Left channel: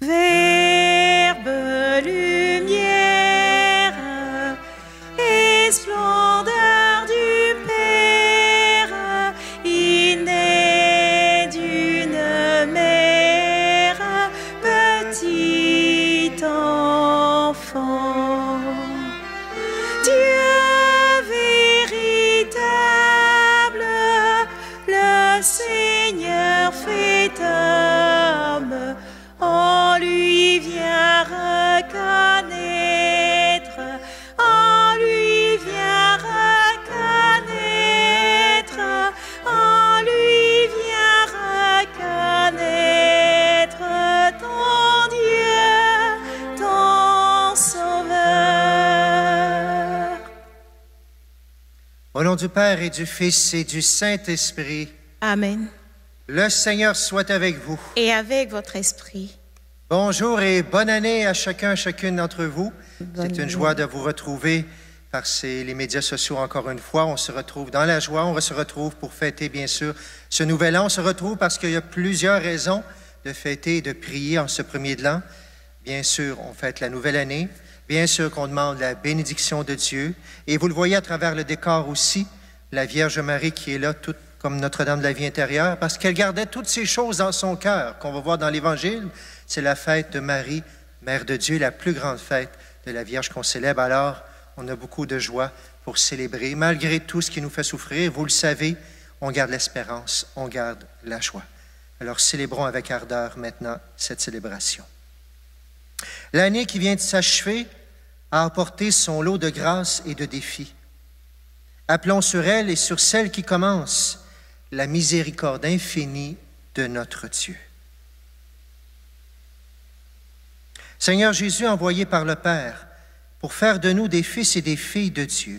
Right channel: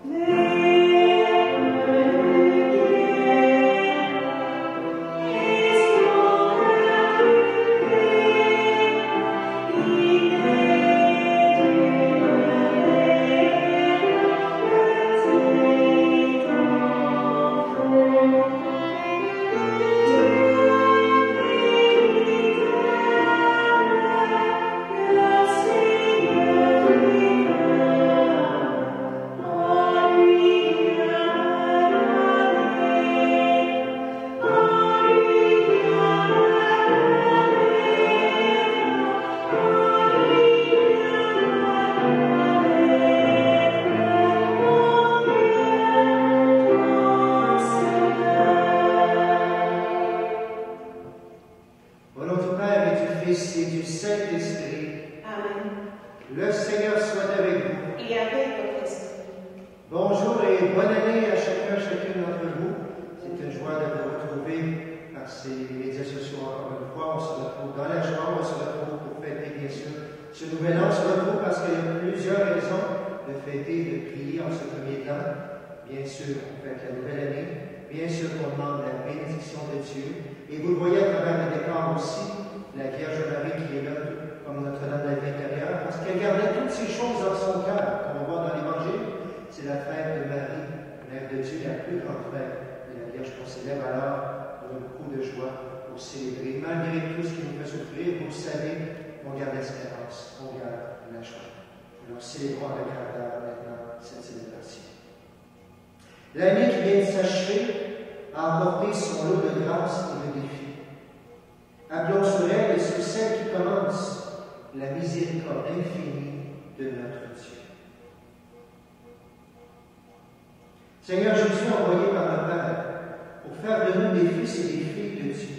Verbe, lumière et splendeur du Père, il naît d'une mère, petit enfant. Dieu véritable, le Seigneur fait homme, en lui vient reconnaître, en lui vient reconnaître, en lui vient reconnaître ton Dieu, ton Sauveur. Au nom du Père et du Fils et du Saint-Esprit, Amen. le Seigneur soit avec vous. Et avec votre esprit. Bonjour et bonne année à chacune d'entre vous. C'est une joie de vous retrouver par les médias sociaux encore une fois. On se retrouve dans la joie, on se retrouve pour fêter bien sûr ce nouvel an. On se retrouve parce qu'il y a plusieurs raisons de fêter et de prier en ce premier de l'an. Bien sûr, on fête la nouvelle année. Bien sûr qu'on demande la bénédiction de Dieu. Et vous le voyez à travers le décor aussi, la Vierge Marie qui est là, toute comme Notre-Dame de la Vie intérieure, parce qu'elle gardait toutes ces choses dans son cœur, qu'on va voir dans l'Évangile. C'est la fête de Marie, Mère de Dieu, la plus grande fête de la Vierge qu'on célèbre. Alors, on a beaucoup de joie pour célébrer. Malgré tout ce qui nous fait souffrir, vous le savez, on garde l'espérance, on garde la joie. Alors, célébrons avec ardeur maintenant cette célébration. L'année qui vient de s'achever a apporté son lot de grâces et de défis. Appelons sur elle et sur celle qui commence la miséricorde infinie de notre Dieu. Seigneur Jésus, envoyé par le Père pour faire de nous des fils et des filles de Dieu,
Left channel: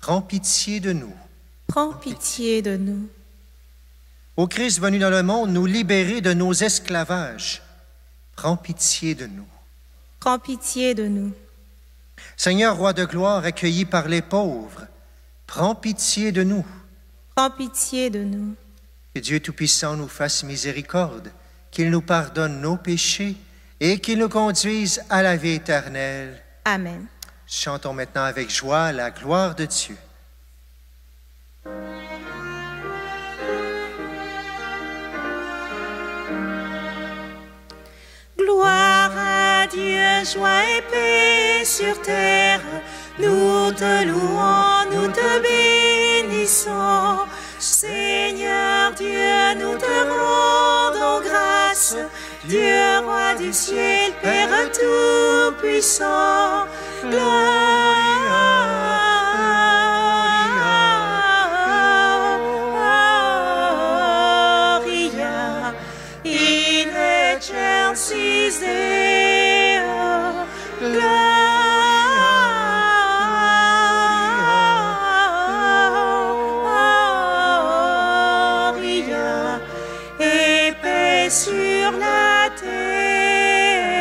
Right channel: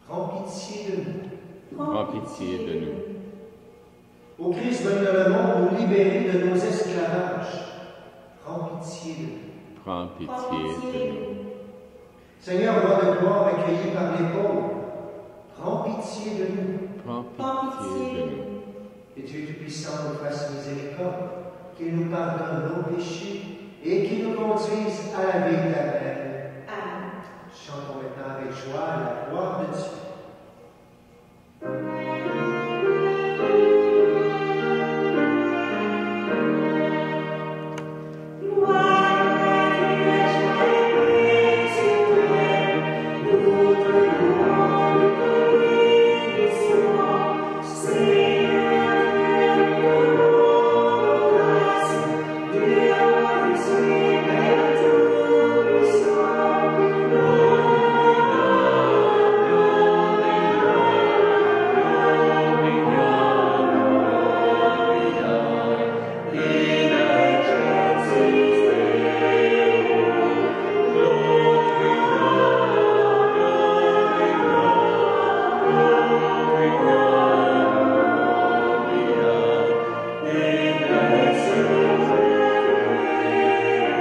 prends pitié de nous. Prends pitié de nous. Ô Christ venu dans le monde nous libérer de nos esclavages, prends pitié de nous. Prends pitié de nous. Seigneur, roi de gloire, accueilli par les pauvres, prends pitié de nous. Prends pitié de nous. Que Dieu Tout-Puissant nous fasse miséricorde, qu'il nous pardonne nos péchés et qu'il nous conduise à la vie éternelle. Amen. Chantons maintenant avec joie la gloire de Dieu. Gloire à Dieu, joie et paix sur terre. Nous te louons, nous te bénissons. Seigneur Dieu, nous te rendons grâce. Dieu, roi des cieux, Père tout-puissant. Sur la terre.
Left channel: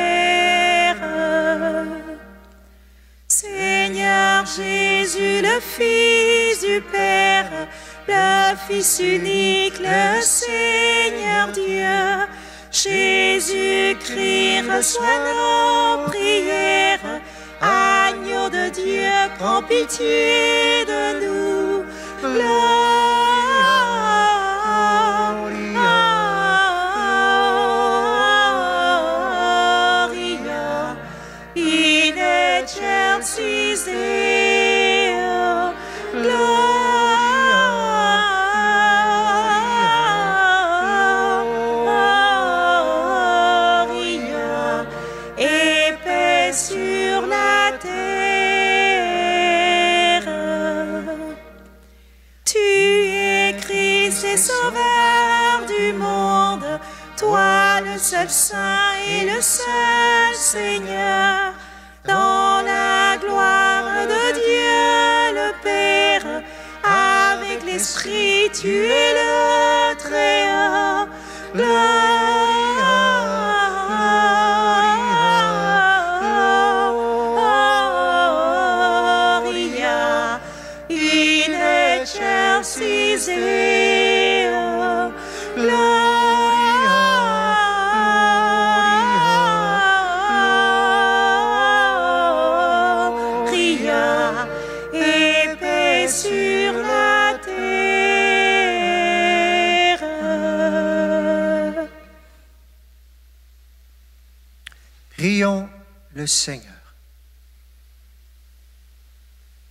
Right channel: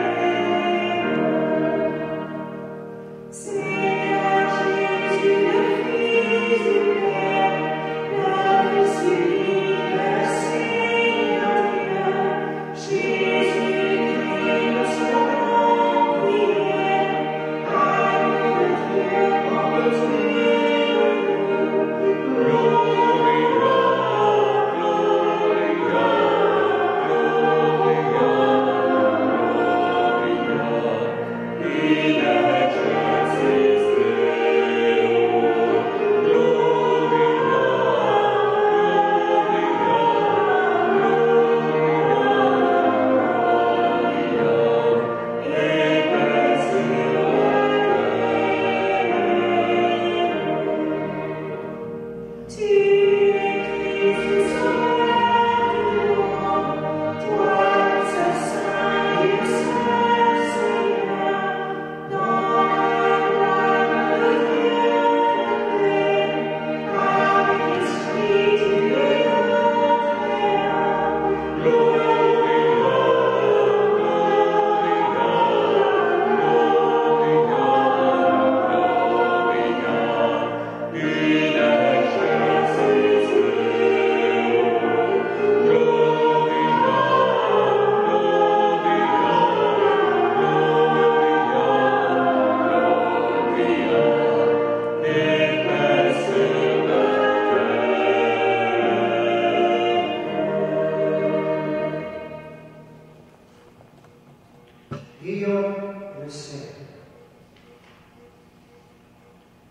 Prions le Seigneur.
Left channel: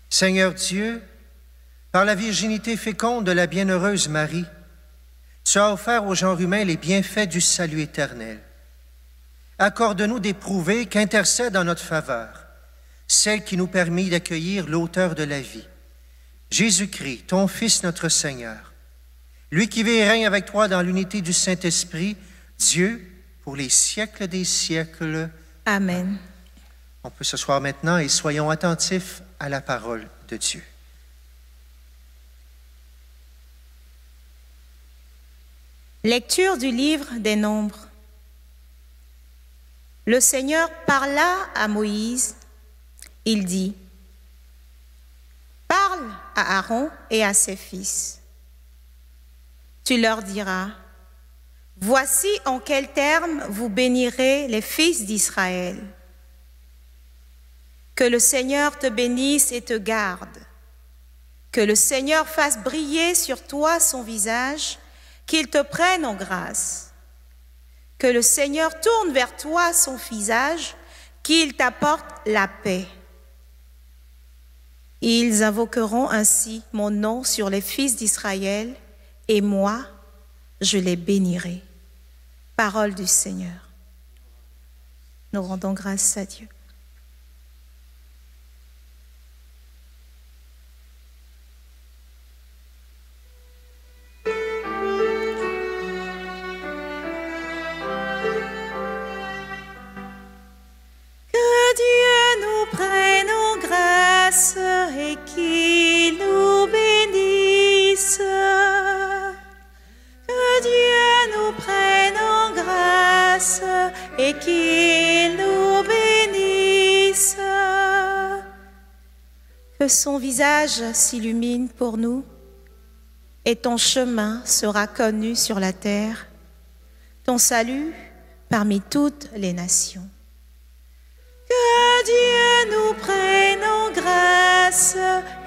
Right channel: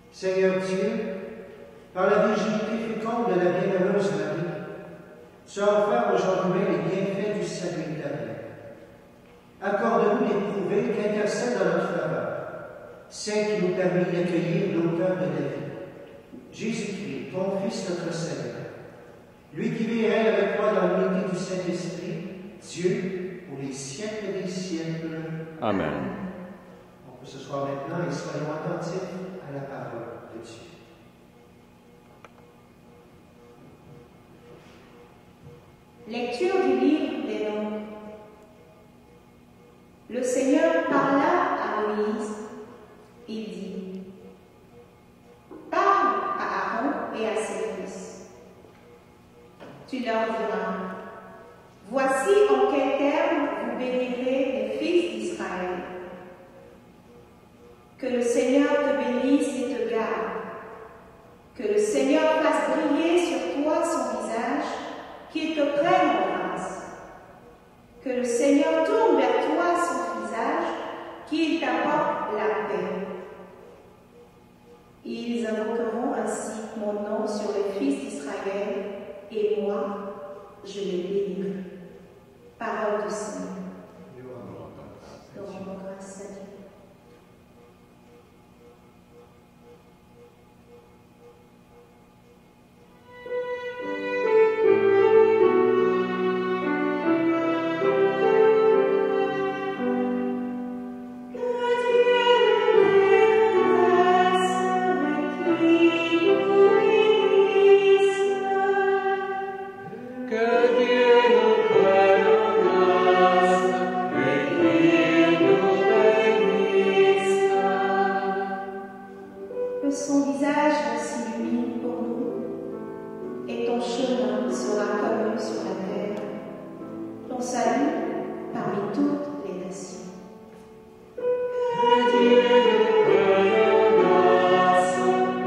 Seigneur Dieu, par la virginité féconde de la bienheureuse Marie, tu as offert au genre humain les bienfaits du salut éternel. Accorde-nous d'éprouver qu'intercède en notre faveur celle qui nous permet d'accueillir l'auteur de la vie, Jésus-Christ, ton Fils notre Seigneur, lui qui vit et règne avec toi dans l'unité du Saint-Esprit, Dieu, pour les siècles des siècles. Amen. On peut s'asseoir maintenant et soyons attentifs à la parole de Dieu. Lecture du livre des Nombres. Le Seigneur parla à Moïse. Il dit, « Parle à Aaron et à ses fils. Tu leur diras, « Voici en quels termes vous bénirez les fils d'Israël. Que le Seigneur te bénisse et te garde. Que le Seigneur fasse briller sur toi son visage, qu'il te prenne en grâce. Que le Seigneur tourne vers toi son visage, qu'il t'apporte la paix. Ils invoqueront ainsi mon nom sur les fils d'Israël, et moi, je les bénirai. » Parole du Seigneur. Nous rendons grâce à Dieu. S'illumine pour nous et ton chemin sera connu sur la terre, ton salut parmi toutes les nations. Que Dieu nous prenne en grâce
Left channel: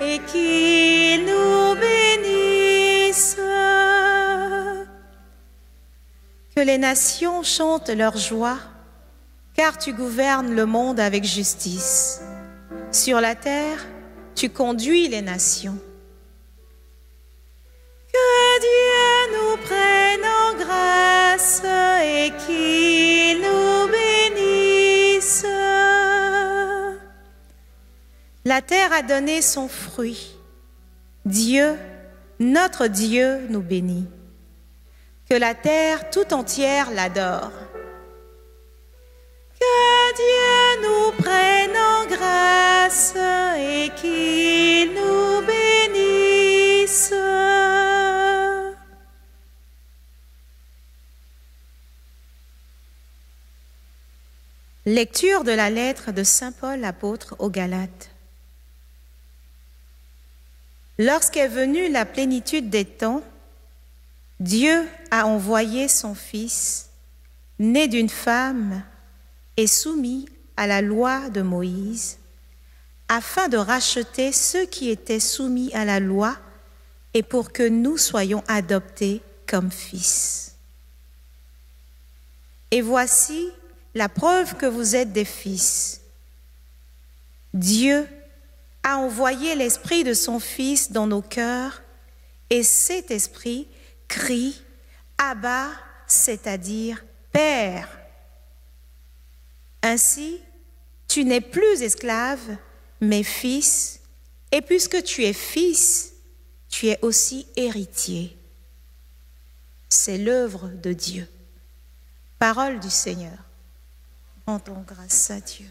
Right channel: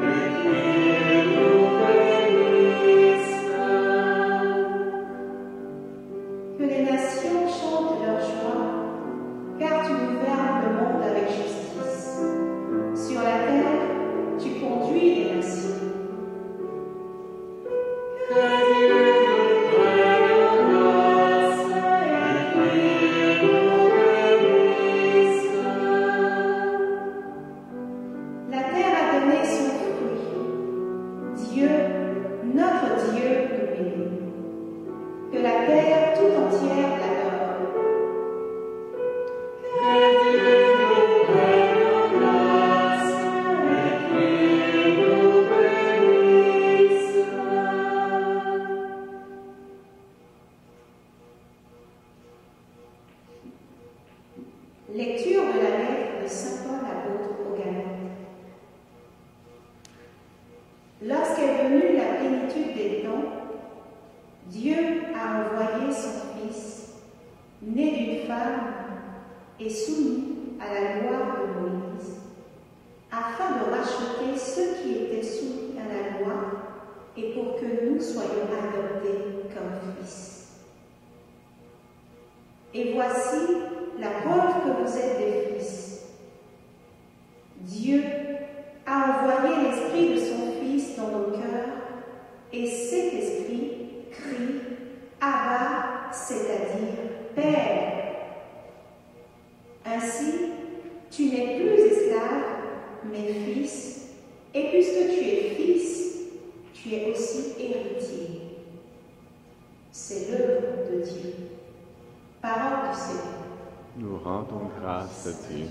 et qu'il nous bénisse. Que les nations chantent leur joie, car tu gouvernes le monde avec justice. Sur la terre, tu conduis les nations. Que Dieu nous prenne en grâce et qu'il nous bénisse. La terre a donné son fruit. Dieu, notre Dieu, nous bénit. Que la terre tout entière l'adore. Que Dieu nous prenne en grâce. Lecture de la lettre de saint Paul apôtre aux Galates. Lorsqu'est venue la plénitude des temps, Dieu a envoyé son Fils, né d'une femme et soumis à la loi de Moïse, afin de racheter ceux qui étaient soumis à la loi et pour que nous soyons adoptés comme fils. Et voici la preuve que vous êtes des fils. Dieu a envoyé l'Esprit de son Fils dans nos cœurs et cet Esprit crie « Abba », c'est-à-dire « Père ». Ainsi, tu n'es plus esclave, mais fils, et puisque tu es fils, tu es aussi héritier. C'est l'œuvre de Dieu. Parole du Seigneur. Nous rendons grâce à Dieu.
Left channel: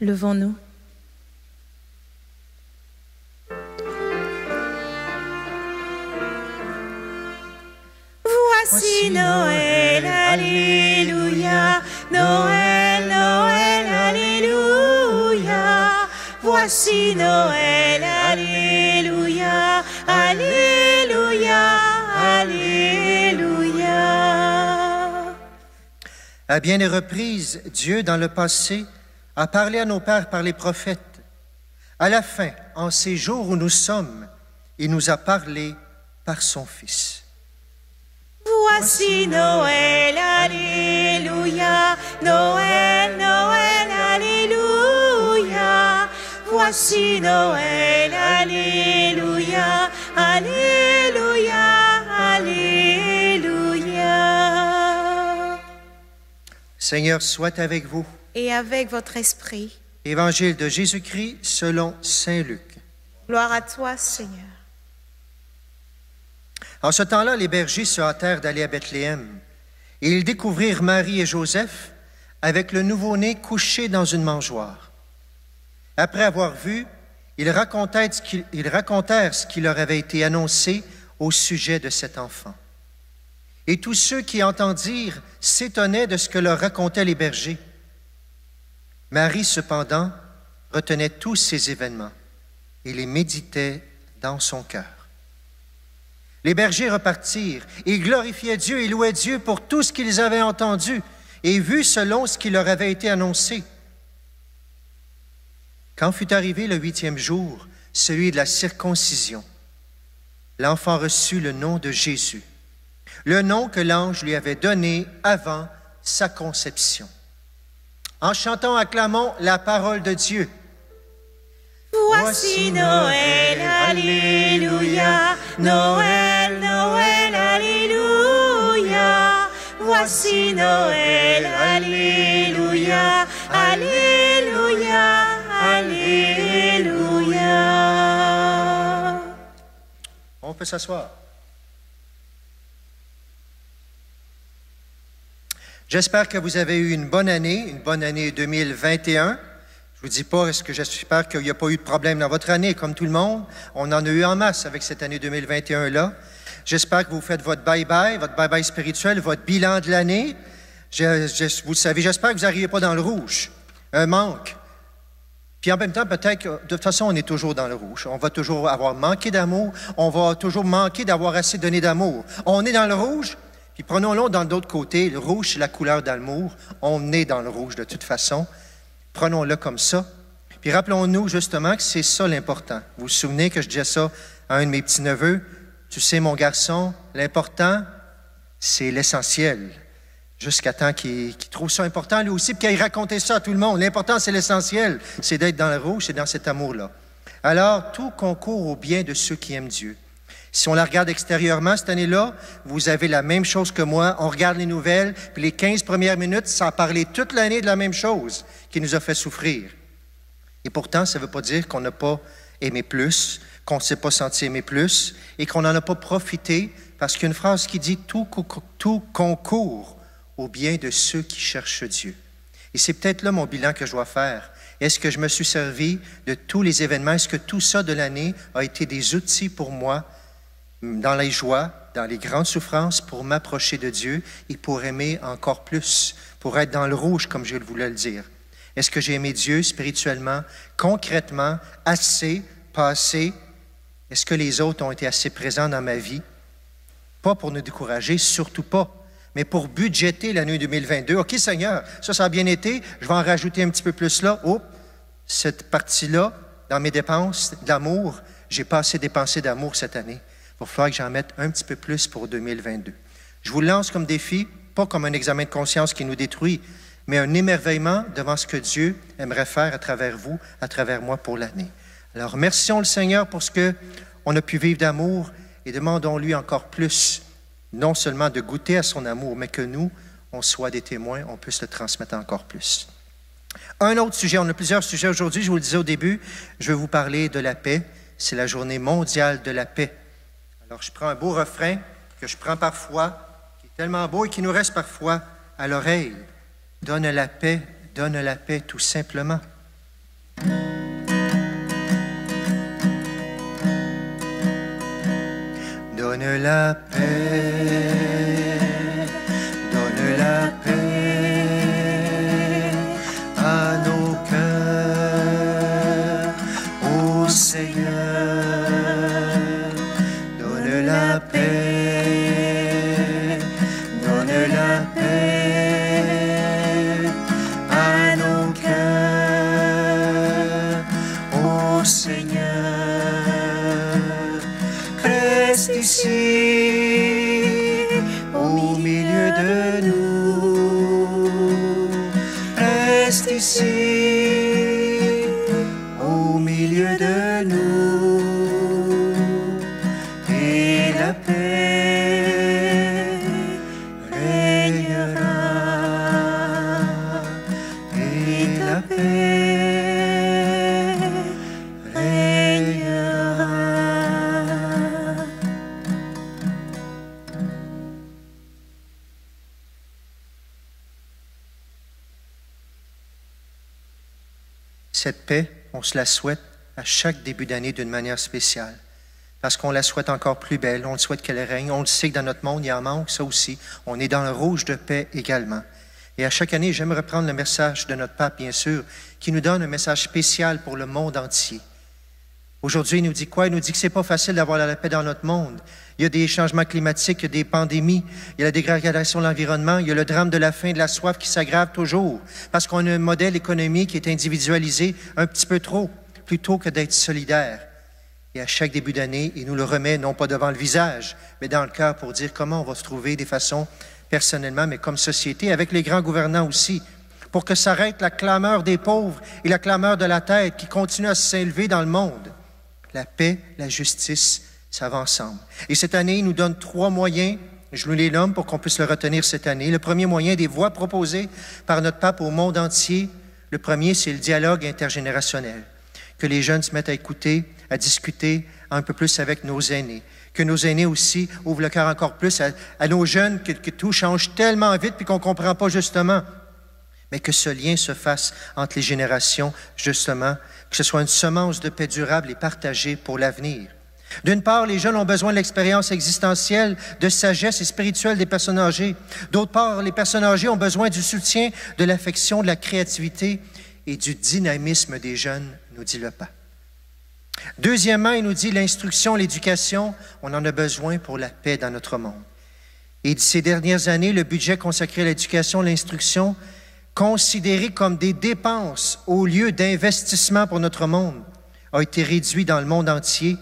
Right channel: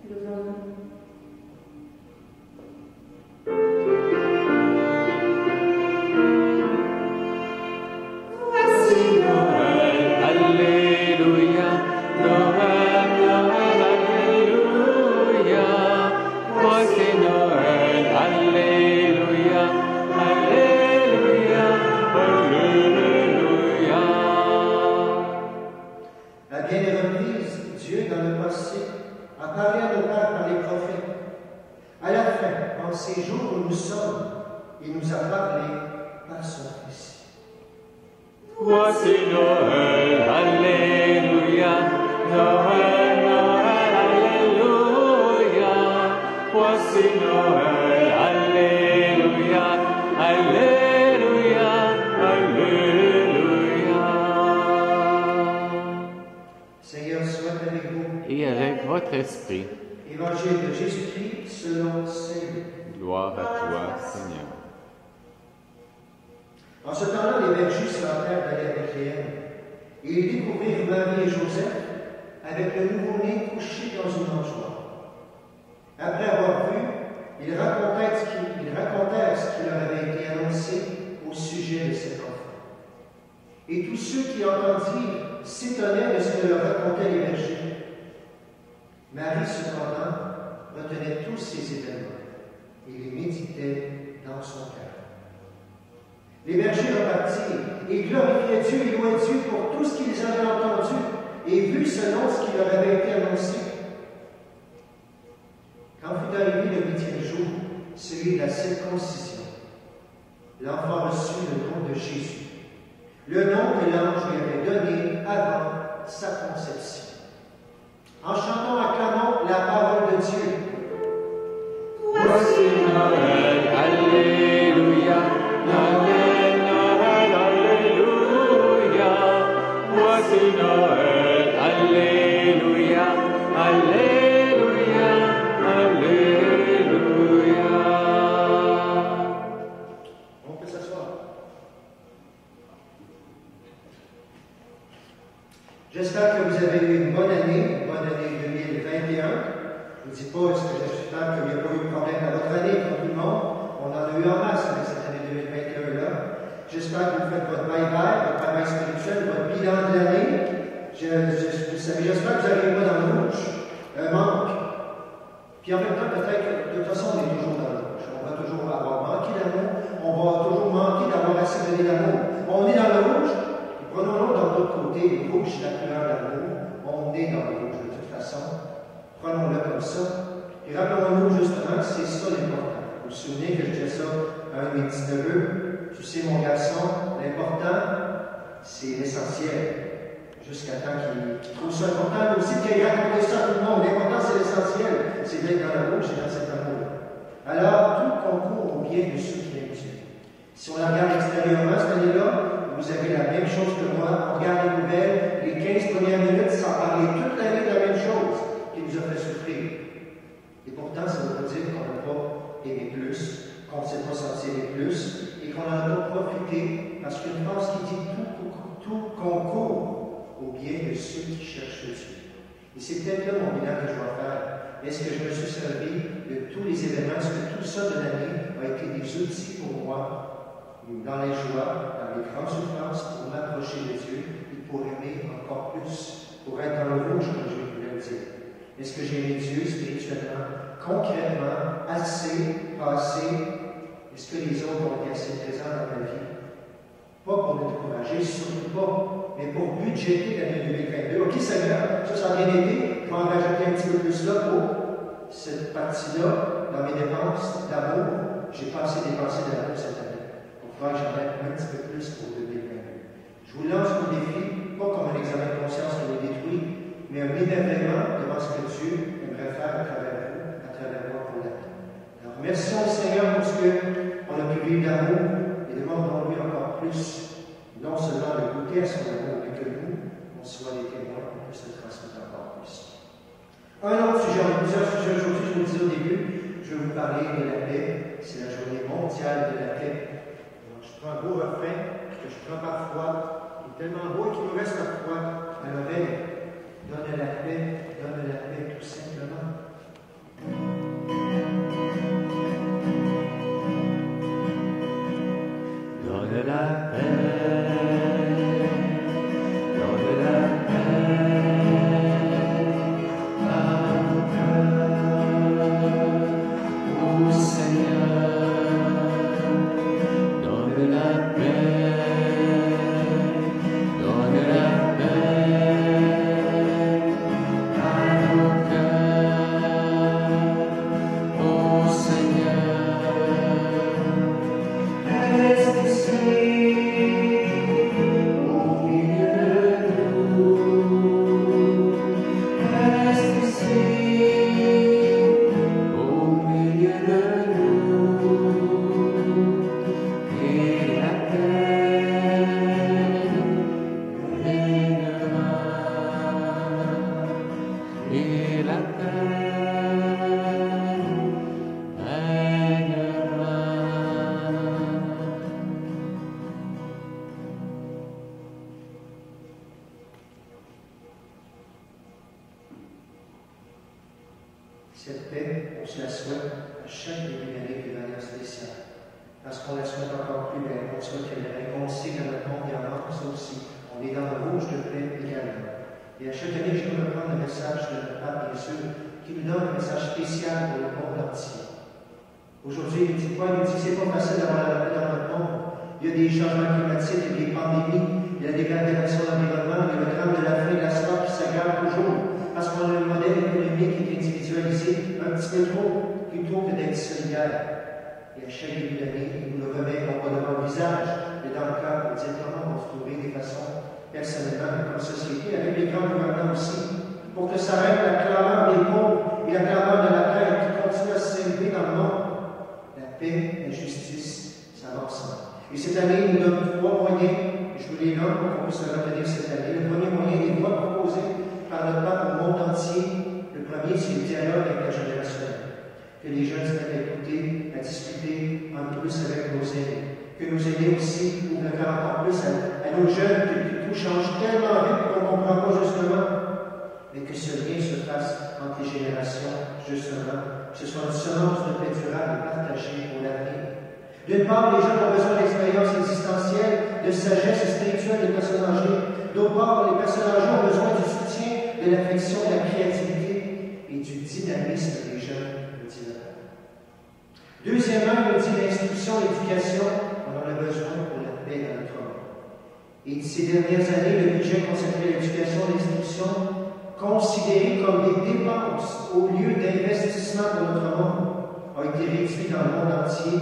Levons-nous. Voici Noël, alléluia. Noël, Noël, alléluia. Voici Noël, alléluia. Alléluia, alléluia. À bien des reprises, Dieu, dans le passé, a parlé à nos pères par les prophètes. À la fin, en ces jours où nous sommes, il nous a parlé par son Fils. Voici Noël, Alléluia, Noël, Noël, Alléluia. Voici Noël, Alléluia, Alléluia, Alléluia. Seigneur soit avec vous. Et avec votre esprit. Évangile de Jésus-Christ selon saint Luc. Gloire à toi, Seigneur. En ce temps-là, les bergers se hâtèrent d'aller à Bethléem. Et ils découvrirent Marie et Joseph avec le nouveau-né couché dans une mangeoire. Après avoir vu, ils racontèrent ce qui leur avait été annoncé au sujet de cet enfant. Et tous ceux qui entendirent s'étonnaient de ce que leur racontaient les bergers. Marie, cependant, retenait tous ces événements et les méditait dans son cœur. Les bergers repartirent et glorifiaient Dieu et louaient Dieu pour tout ce qu'ils avaient entendu et vu selon ce qui leur avait été annoncé. Quand fut arrivé le 8e jour, celui de la circoncision, l'enfant reçut le nom de Jésus, le nom que l'ange lui avait donné avant sa conception. En chantant, acclamons la parole de Dieu. Voici Noël, Alléluia, Noël, Noël, Alléluia. Voici Noël, Alléluia, Alléluia, Alléluia. On peut s'asseoir. J'espère que vous avez eu une bonne année 2021. Je ne vous dis pas, j'espère qu'il n'y a pas eu de problème dans votre année, comme tout le monde. On en a eu en masse avec cette année 2021-là. J'espère que vous faites votre bye-bye spirituel, votre bilan de l'année. Vous le savez, j'espère que vous n'arrivez pas dans le rouge. Un manque. Puis en même temps, peut-être que de toute façon, on est toujours dans le rouge. On va toujours avoir manqué d'amour. On va toujours manquer d'avoir assez donné d'amour. On est dans le rouge. Puis prenons-le dans d'autres côtés. Le rouge, c'est la couleur d'amour. On est dans le rouge de toute façon. Prenons-le comme ça. Puis rappelons-nous justement que c'est ça l'important. Vous vous souvenez que je disais ça à un de mes petits-neveux? Tu sais, mon garçon, l'important, c'est l'essentiel. Jusqu'à temps qu'il trouve ça important, lui aussi, puis qu'il racontait ça à tout le monde. L'important, c'est l'essentiel. C'est d'être dans le rouge, c'est dans cet amour-là. Alors, tout concourt au bien de ceux qui aiment Dieu. Si on la regarde extérieurement cette année-là, vous avez la même chose que moi. On regarde les nouvelles, puis les 15 premières minutes, sans parler toute l'année de la même chose qui nous a fait souffrir. Et pourtant, ça ne veut pas dire qu'on n'a pas aimé plus, qu'on ne s'est pas senti aimer plus et qu'on n'en a pas profité, parce qu'il y a une phrase qui dit « tout concourt au bien de ceux qui cherchent Dieu ». Et c'est peut-être là mon bilan que je dois faire. Est-ce que je me suis servi de tous les événements? Est-ce que tout ça de l'année a été des outils pour moi dans les joies, dans les grandes souffrances, pour m'approcher de Dieu et pour aimer encore plus, pour être dans le rouge, comme je voulais le dire? Est-ce que j'ai aimé Dieu spirituellement, concrètement, assez, pas assez? Est-ce que les autres ont été assez présents dans ma vie? Pas pour nous décourager, surtout pas, mais pour budgéter l'année 2022. OK, Seigneur, ça a bien été, je vais en rajouter un petit peu plus là. Oh, cette partie-là, dans mes dépenses d'amour, j'ai pas assez dépensé d'amour cette année. Il va falloir que j'en mette un petit peu plus pour 2022. Je vous lance comme défi, pas comme un examen de conscience qui nous détruit, mais un émerveillement devant ce que Dieu aimerait faire à travers vous, à travers moi pour l'année. Alors, remercions le Seigneur pour ce qu'on a pu vivre d'amour et demandons-lui encore plus, non seulement de goûter à son amour, mais que nous, on soit des témoins, on puisse le transmettre encore plus. Un autre sujet, on a plusieurs sujets aujourd'hui, je vous le disais au début, je vais vous parler de la paix. C'est la journée mondiale de la paix. Alors, je prends un beau refrain que je prends parfois, qui est tellement beau et qui nous reste parfois à l'oreille. Donne la paix, tout simplement. Donne la paix, donne la paix à nos cœurs, ô Seigneur. Donne la paix, donne la paix à nos cœurs, ô Seigneur. Reste ici, au milieu de nous. Reste ici, au milieu de nous. Et la paix régnera. Et la paix régnera. Cette paix, on se la souhaite à chaque début d'année d'une manière spéciale. Parce qu'on la souhaite encore plus belle, on le souhaite qu'elle règne. On le sait que dans notre monde, il y en manque, ça aussi. On est dans le rouge de paix également. Et à chaque année, j'aime reprendre le message de notre pape, bien sûr, qui nous donne un message spécial pour le monde entier. Aujourd'hui, il nous dit quoi? Il nous dit que c'est pas facile d'avoir la paix dans notre monde. Il y a des changements climatiques, il y a des pandémies, il y a la dégradation de l'environnement, il y a le drame de la faim, de la soif qui s'aggrave toujours, parce qu'on a un modèle économique qui est individualisé un petit peu trop, plutôt que d'être solidaire. Et à chaque début d'année, il nous le remet non pas devant le visage, mais dans le cœur pour dire comment on va se trouver des façons, personnellement, mais comme société, avec les grands gouvernants aussi, pour que s'arrête la clameur des pauvres et la clameur de la tête qui continue à s'élever dans le monde. La paix, la justice, ça va ensemble. Et cette année, il nous donne 3 moyens, je vous les nomme pour qu'on puisse le retenir cette année. Le premier moyen, des voies proposées par notre pape au monde entier. Le premier, c'est le dialogue intergénérationnel. Que les jeunes se mettent à écouter, à discuter un peu plus avec nos aînés. Que nos aînés aussi ouvrent le cœur encore plus à nos jeunes, que tout change tellement vite puis qu'on ne comprend pas justement. Mais que ce lien se fasse entre les générations, justement, que ce soit une semence de paix durable et partagée pour l'avenir. D'une part, les jeunes ont besoin de l'expérience existentielle, de sagesse et spirituelle des personnes âgées. D'autre part, les personnes âgées ont besoin du soutien, de l'affection, de la créativité et du dynamisme des jeunes, nous dit le pape. Deuxièmement, il nous dit l'instruction, l'éducation, on en a besoin pour la paix dans notre monde. Et ces dernières années, le budget consacré à l'éducation, l'instruction, considéré comme des dépenses au lieu d'investissement pour notre monde, a été réduit dans le monde entier.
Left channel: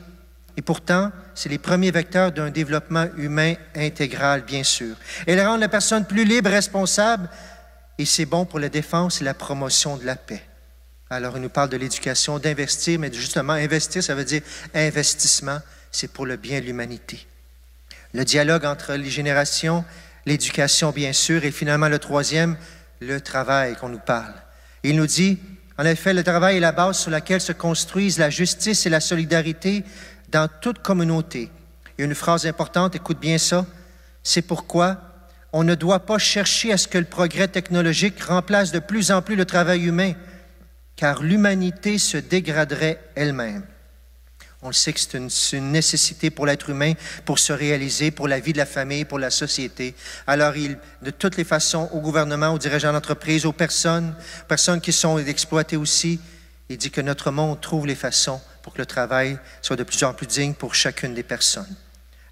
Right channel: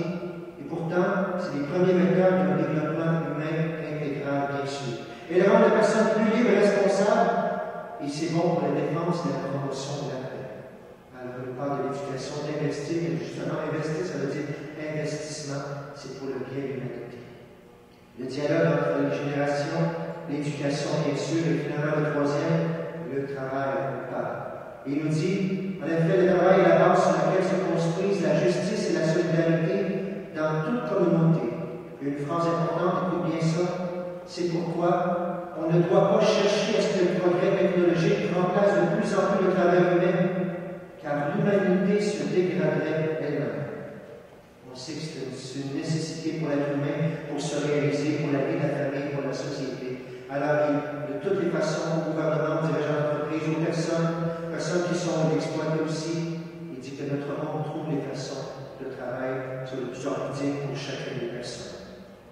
Et pourtant, c'est les premiers vecteurs d'un développement humain intégral, bien sûr. Elles rendent la personne plus libre, responsable, et c'est bon pour la défense et la promotion de la paix. Alors, il nous parle de l'éducation, d'investir, mais justement, investir, ça veut dire investissement, c'est pour le bien de l'humanité. Le dialogue entre les générations, l'éducation, bien sûr, et finalement, le troisième, le travail qu'on nous parle. Il nous dit, en effet, le travail est la base sur laquelle se construisent la justice et la solidarité dans toute communauté. Il y a une phrase importante, écoute bien ça, c'est pourquoi on ne doit pas chercher à ce que le progrès technologique remplace de plus en plus le travail humain, car l'humanité se dégraderait elle-même. On le sait que c'est une nécessité pour l'être humain, pour se réaliser, pour la vie de la famille, pour la société. Alors, de toutes les façons, au gouvernement, aux dirigeants d'entreprise, aux personnes qui sont exploitées aussi, il dit que notre monde trouve les façons pour que le travail soit de plus en plus digne pour chacune des personnes.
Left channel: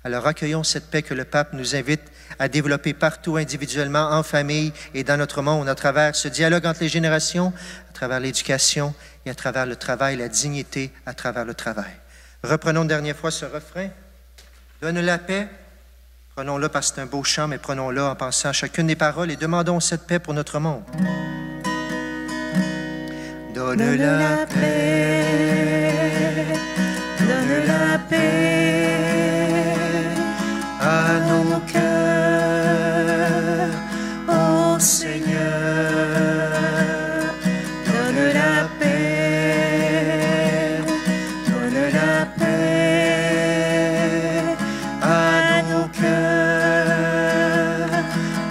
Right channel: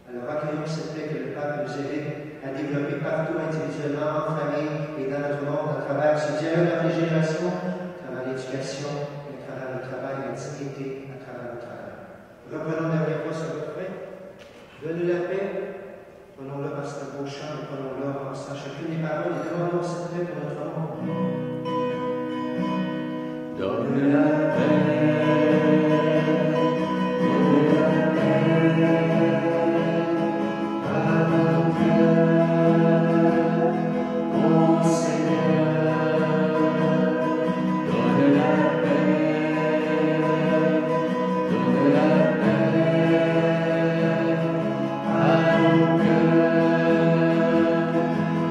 Alors, accueillons cette paix que le pape nous invite à développer partout, individuellement, en famille et dans notre monde, à travers ce dialogue entre les générations, à travers l'éducation et à travers le travail, la dignité à travers le travail. Reprenons une dernière fois ce refrain. Donne la paix. Prenons-le parce que c'est un beau chant, mais prenons-le en pensant à chacune des paroles et demandons cette paix pour notre monde. Donne la paix. Donne la paix à nos cœurs, ô Seigneur. Donne la paix. Donne la paix à nos cœurs,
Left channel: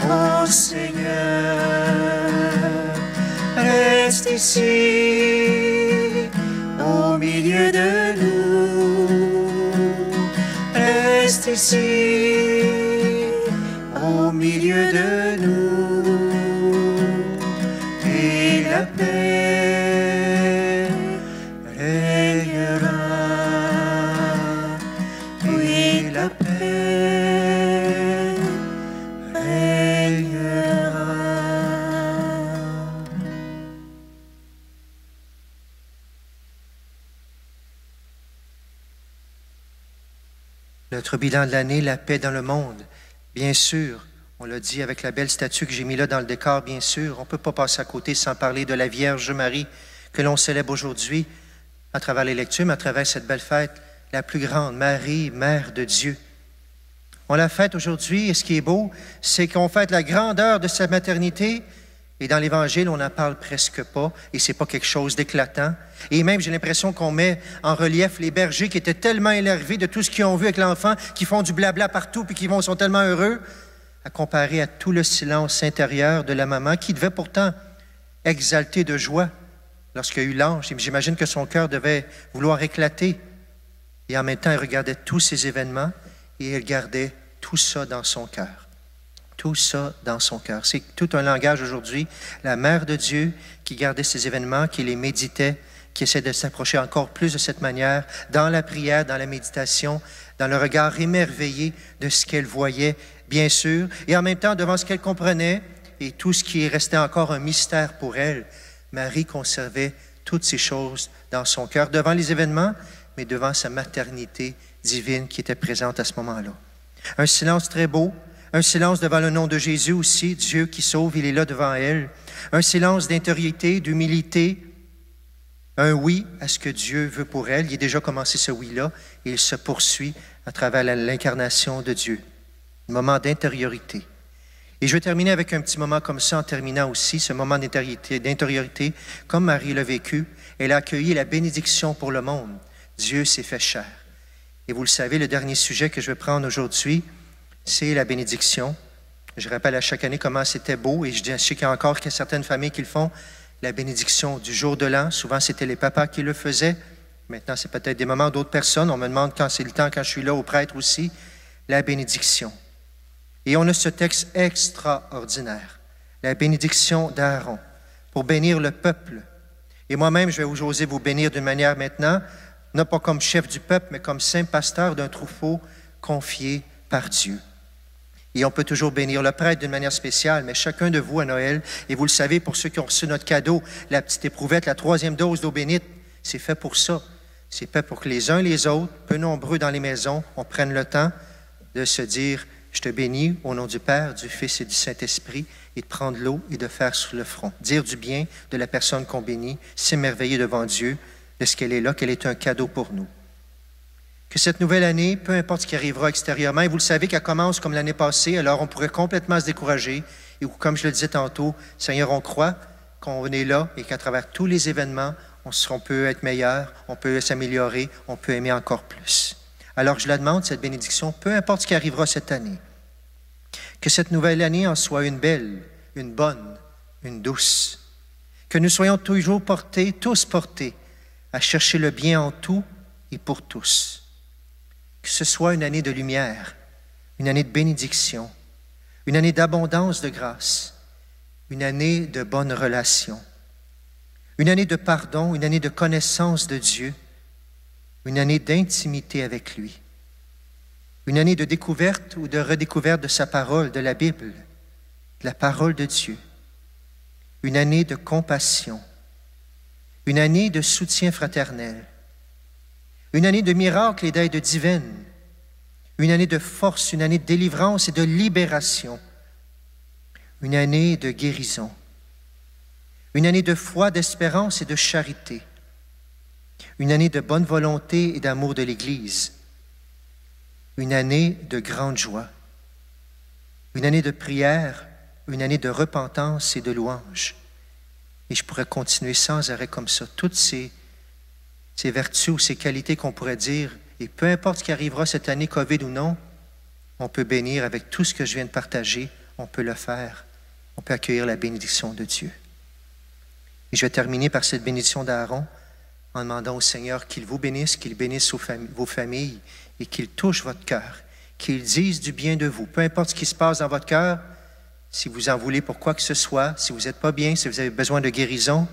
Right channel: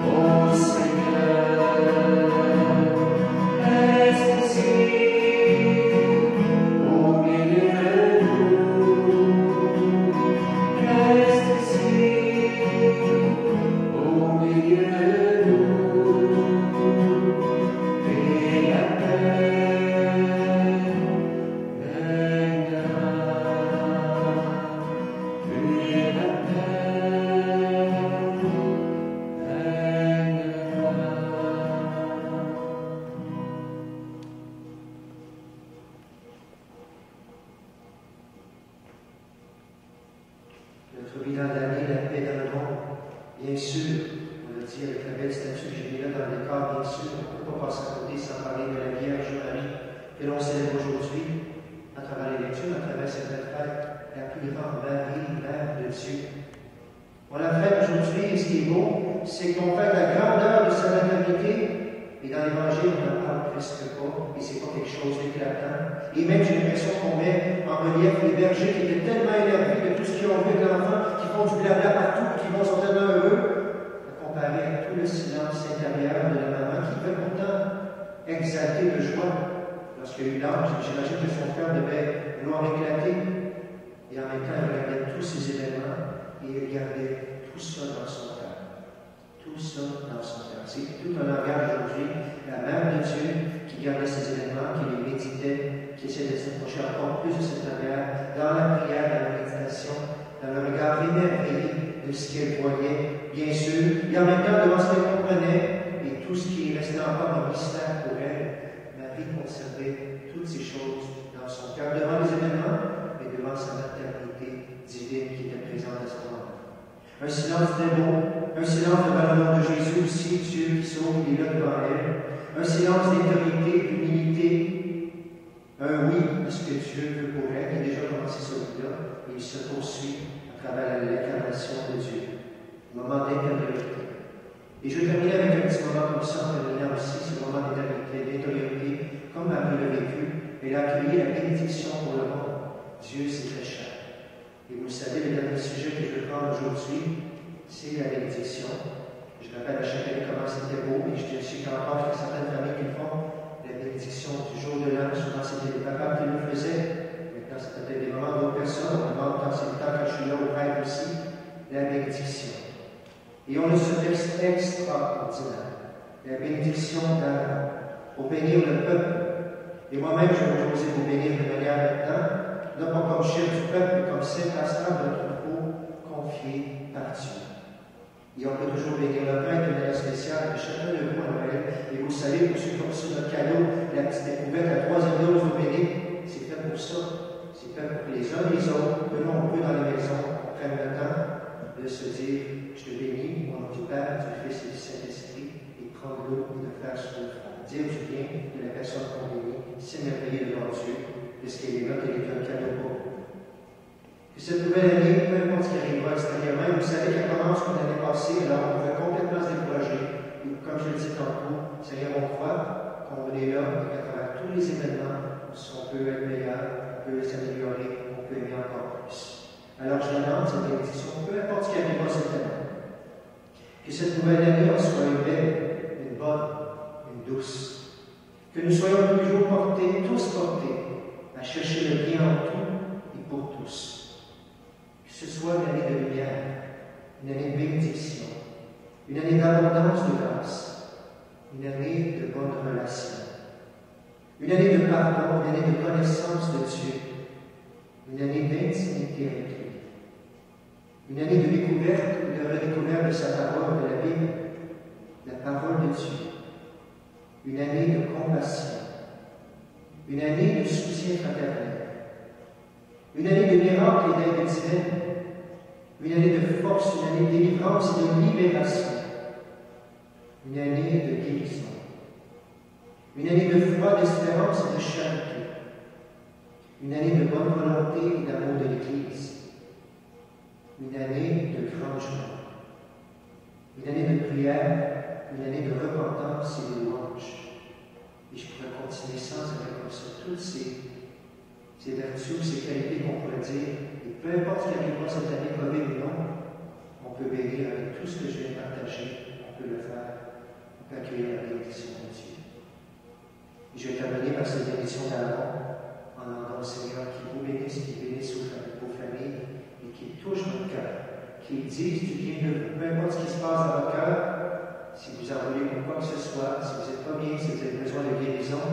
ô Seigneur. Reste ici, au milieu de nous. Reste ici, au milieu de nous. Et la paix régnera. Et la paix régnera. Notre bilan de l'année, la paix dans le monde. Bien sûr, on l'a dit avec la belle statue que j'ai mis là dans le décor, bien sûr, on ne peut pas passer à côté sans parler de la Vierge Marie que l'on célèbre aujourd'hui à travers les lectures, mais à travers cette belle fête, la plus grande, Marie, Mère de Dieu. On la fête aujourd'hui, et ce qui est beau, c'est qu'on fête la grandeur de sa maternité, et dans l'Évangile, on n'en parle presque pas, et c'est pas quelque chose d'éclatant. Et même, j'ai l'impression qu'on met en relief les bergers qui étaient tellement énervés de tout ce qu'ils ont vu avec l'enfant, qui font du blabla partout, puis qui sont tellement heureux, à comparer à tout le silence intérieur de la maman, qui devait pourtant exalter de joie lorsqu'il y a eu l'ange. Et j'imagine que son cœur devait vouloir éclater. Et en même temps, elle regardait tous ces événements, et elle gardait tout ça dans son cœur. Tout ça dans son cœur. C'est tout un langage aujourd'hui. La Mère de Dieu qui gardait ces événements, qui les méditait, qui essaie de s'approcher encore plus de cette manière, dans la prière, dans la méditation, dans le regard émerveillé de ce qu'elle voyait, bien sûr, et en même temps devant ce qu'elle comprenait et tout ce qui restait encore un mystère pour elle. Marie conservait toutes ces choses dans son cœur, devant les événements, mais devant sa maternité divine qui était présente à ce moment-là. Un silence très beau, un silence devant le nom de Jésus aussi, Dieu qui sauve, il est là devant elle. Un silence d'intériorité, d'humilité, un oui à ce que Dieu veut pour elle. Il a déjà commencé ce oui-là et il se poursuit à travers l'incarnation de Dieu. Un moment d'intériorité. Et je vais terminer avec un petit moment comme ça, en terminant aussi ce moment d'intériorité, comme Marie l'a vécu. Elle a accueilli la bénédiction pour le monde. Dieu s'est fait chair. Et vous le savez, le dernier sujet que je vais prendre aujourd'hui, c'est la bénédiction. Je rappelle à chaque année comment c'était beau, et je sais qu'il y a encore certaines familles qui le font, la bénédiction du jour de l'an. Souvent, c'était les papas qui le faisaient. Maintenant, c'est peut-être des moments d'autres personnes. On me demande quand c'est le temps, quand je suis là, au prêtre aussi, la bénédiction. Et on a ce texte extraordinaire, la bénédiction d'Aaron, pour bénir le peuple. Et moi-même, je vais oser vous bénir d'une manière maintenant, non pas comme chef du peuple, mais comme saint pasteur d'un troupeau confié par Dieu. Et on peut toujours bénir le prêtre d'une manière spéciale, mais chacun de vous à Noël, et vous le savez, pour ceux qui ont reçu notre cadeau, la petite éprouvette, la 3e dose d'eau bénite, c'est fait pour ça. C'est fait pour que les uns les autres, peu nombreux dans les maisons, on prenne le temps de se dire « Je te bénis au nom du Père, du Fils et du Saint-Esprit », et de prendre l'eau et de faire sur le front. Dire du bien de la personne qu'on bénit, s'émerveiller devant Dieu, de ce qu'elle est là, qu'elle est un cadeau pour nous. Que cette nouvelle année, peu importe ce qui arrivera extérieurement, et vous le savez qu'elle commence comme l'année passée, alors on pourrait complètement se décourager. Et comme je le disais tantôt, Seigneur, on croit qu'on est là et qu'à travers tous les événements, on peut être meilleur, on peut s'améliorer, on peut aimer encore plus. Alors je la demande, cette bénédiction, peu importe ce qui arrivera cette année. Que cette nouvelle année en soit une belle, une bonne, une douce. Que nous soyons toujours tous portés, à chercher le bien en tout et pour tous. Que ce soit une année de lumière, une année de bénédiction, une année d'abondance de grâce, une année de bonnes relations, une année de pardon, une année de connaissance de Dieu, une année d'intimité avec lui, une année de découverte ou de redécouverte de sa parole, de la Bible, de la parole de Dieu, une année de compassion, une année de soutien fraternel, une année de miracles et d'aide divine, une année de force, une année de délivrance et de libération, une année de guérison, une année de foi, d'espérance et de charité, une année de bonne volonté et d'amour de l'Église, une année de grande joie, une année de prière, une année de repentance et de louange. Et je pourrais continuer sans arrêt comme ça. Toutes ces vertus ou ces qualités qu'on pourrait dire, et peu importe ce qui arrivera cette année, COVID ou non, on peut bénir avec tout ce que je viens de partager, on peut le faire, on peut accueillir la bénédiction de Dieu. Et je vais terminer par cette bénédiction d'Aaron en demandant au Seigneur qu'il vous bénisse, qu'il bénisse vos familles et qu'il touche votre cœur, qu'il dise du bien de vous, peu importe ce qui se passe dans votre cœur. Si vous en voulez pour quoi que ce soit, si vous n'êtes pas bien, si vous avez besoin de guérison,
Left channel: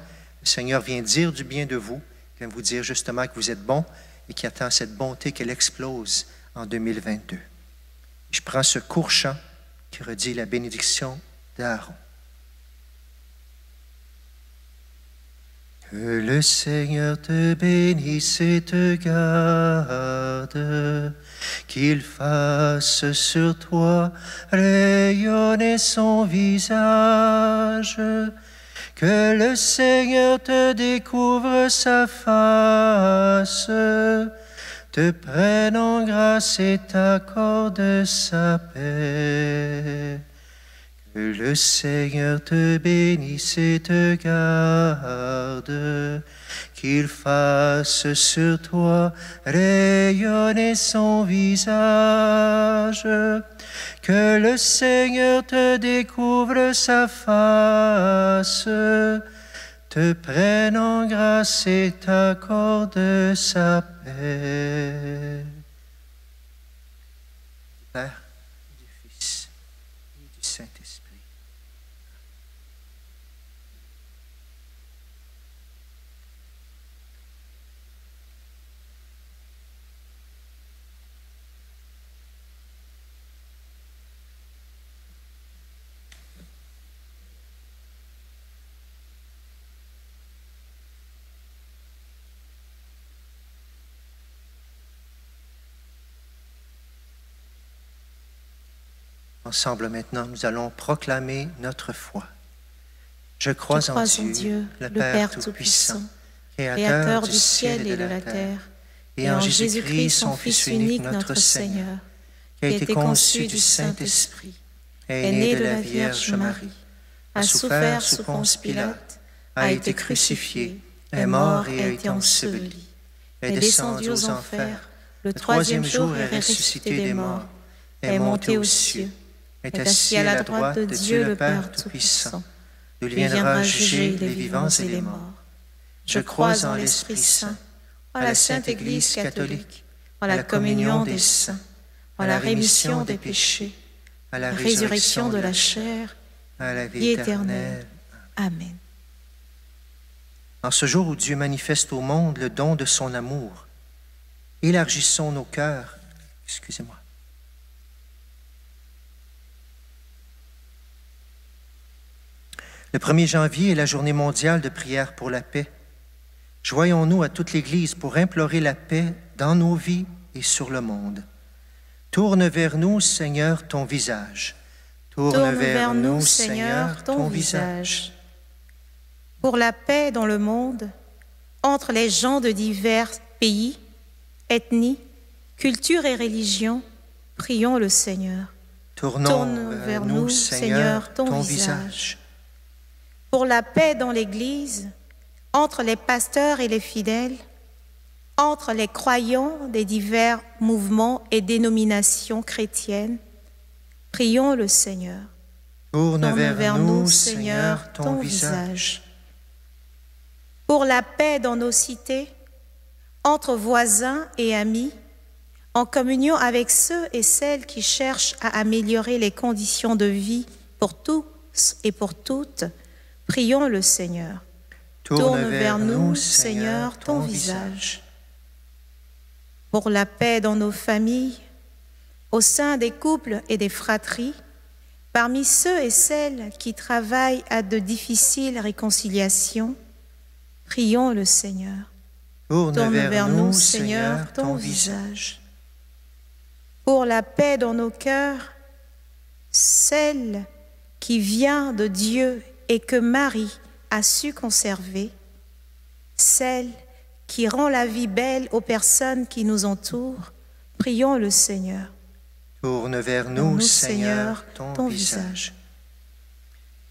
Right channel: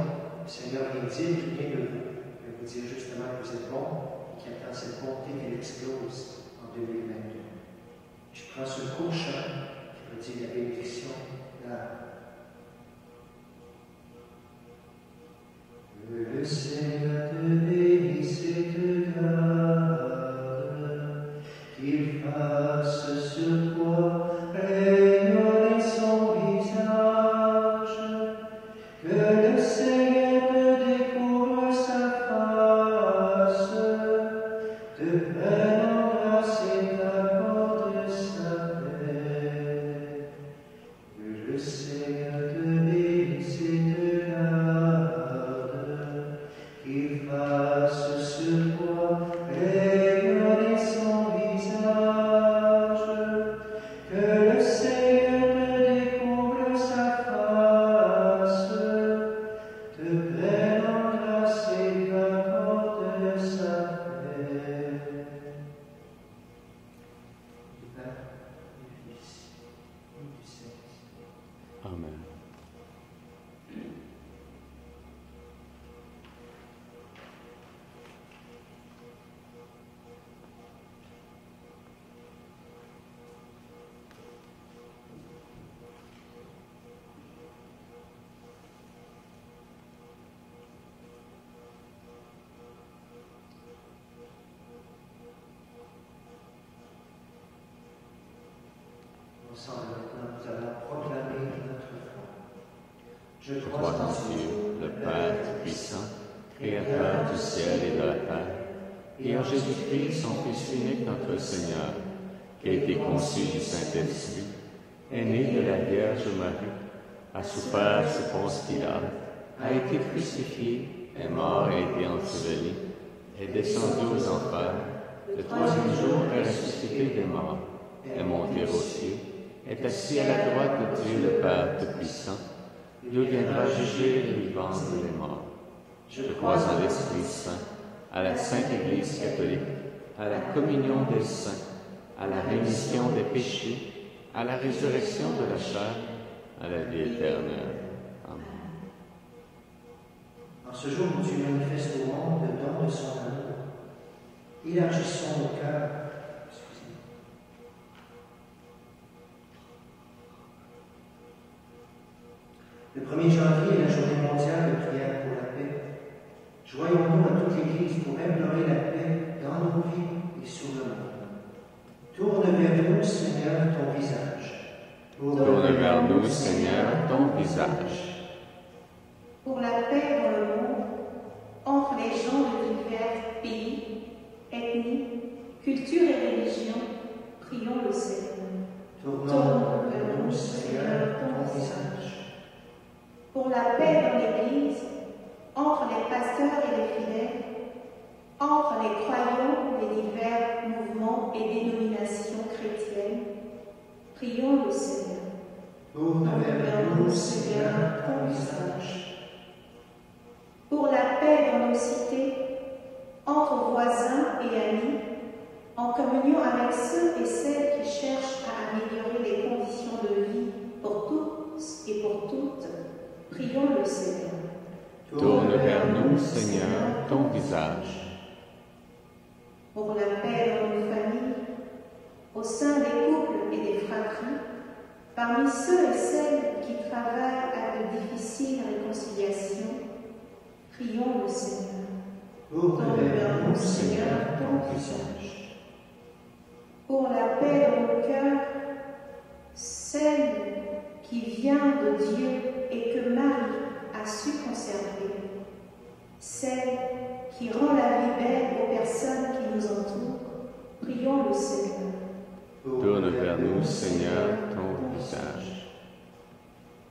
le Seigneur vient dire du bien de vous, vient vous dire justement que vous êtes bon et qu'il attend cette bonté qu'elle explose en 2022. Je prends ce court chant qui redit la bénédiction d'Aaron. Que le Seigneur te bénisse et te garde, qu'il fasse sur toi rayonner son visage, que le Seigneur te découvre sa face, te prenne en grâce et t'accorde sa paix. Que le Seigneur te bénisse et te garde, qu'il fasse sur toi rayonner son visage, que le Seigneur te découvre sa face, te prenne en grâce et t'accorde sa paix. Du Père, du Fils et du Saint-Esprit. Amen. Ensemble maintenant, nous allons proclamer notre foi. Je crois en Dieu, le Père Tout-Puissant, Créateur du ciel et de la terre, et en Jésus-Christ, son Fils unique, notre Seigneur, qui a été conçu du Saint-Esprit, est né de la Vierge Marie, a souffert sous Ponce Pilate, a été crucifié, est mort et a été enseveli, est descendu aux enfers, le troisième jour est ressuscité des morts, est monté aux cieux, est assis à la droite de Dieu le Père Tout-Puissant, d'où viendra juger les vivants et les morts. Je crois en l'Esprit Saint, en la Sainte Église catholique, en la communion des saints, en la rémission des péchés, à la résurrection de la chair, à la vie éternelle. Amen. En ce jour où Dieu manifeste au monde le don de son amour, élargissons nos cœurs. Excusez-moi. Le 1er janvier est la journée mondiale de prière pour la paix. Joignons-nous à toute l'Église pour implorer la paix dans nos vies et sur le monde. Tourne vers nous, Seigneur, ton visage. Tourne vers nous, Seigneur, ton visage. Pour la paix dans le monde, entre les gens de divers pays, ethnies, cultures et religions, prions le Seigneur. Tourne vers nous, Seigneur, ton visage. Pour la paix dans l'Église, entre les pasteurs et les fidèles, entre les croyants des divers mouvements et dénominations chrétiennes, prions le Seigneur. Tourne vers nous, Seigneur, ton visage. Pour la paix dans nos cités, entre voisins et amis, en communion avec ceux et celles qui cherchent à améliorer les conditions de vie pour tous et pour toutes, prions le Seigneur. Tourne vers nous, Seigneur, ton visage. Pour la paix dans nos familles, au sein des couples et des fratries, parmi ceux et celles qui travaillent à de difficiles réconciliations, prions le Seigneur. Tourne vers nous, Seigneur, ton visage. Pour la paix dans nos cœurs, celle qui vient de Dieu et que Marie a su conserver, celle qui rend la vie belle aux personnes qui nous entourent, prions le Seigneur. Tourne vers nous, Seigneur, ton visage.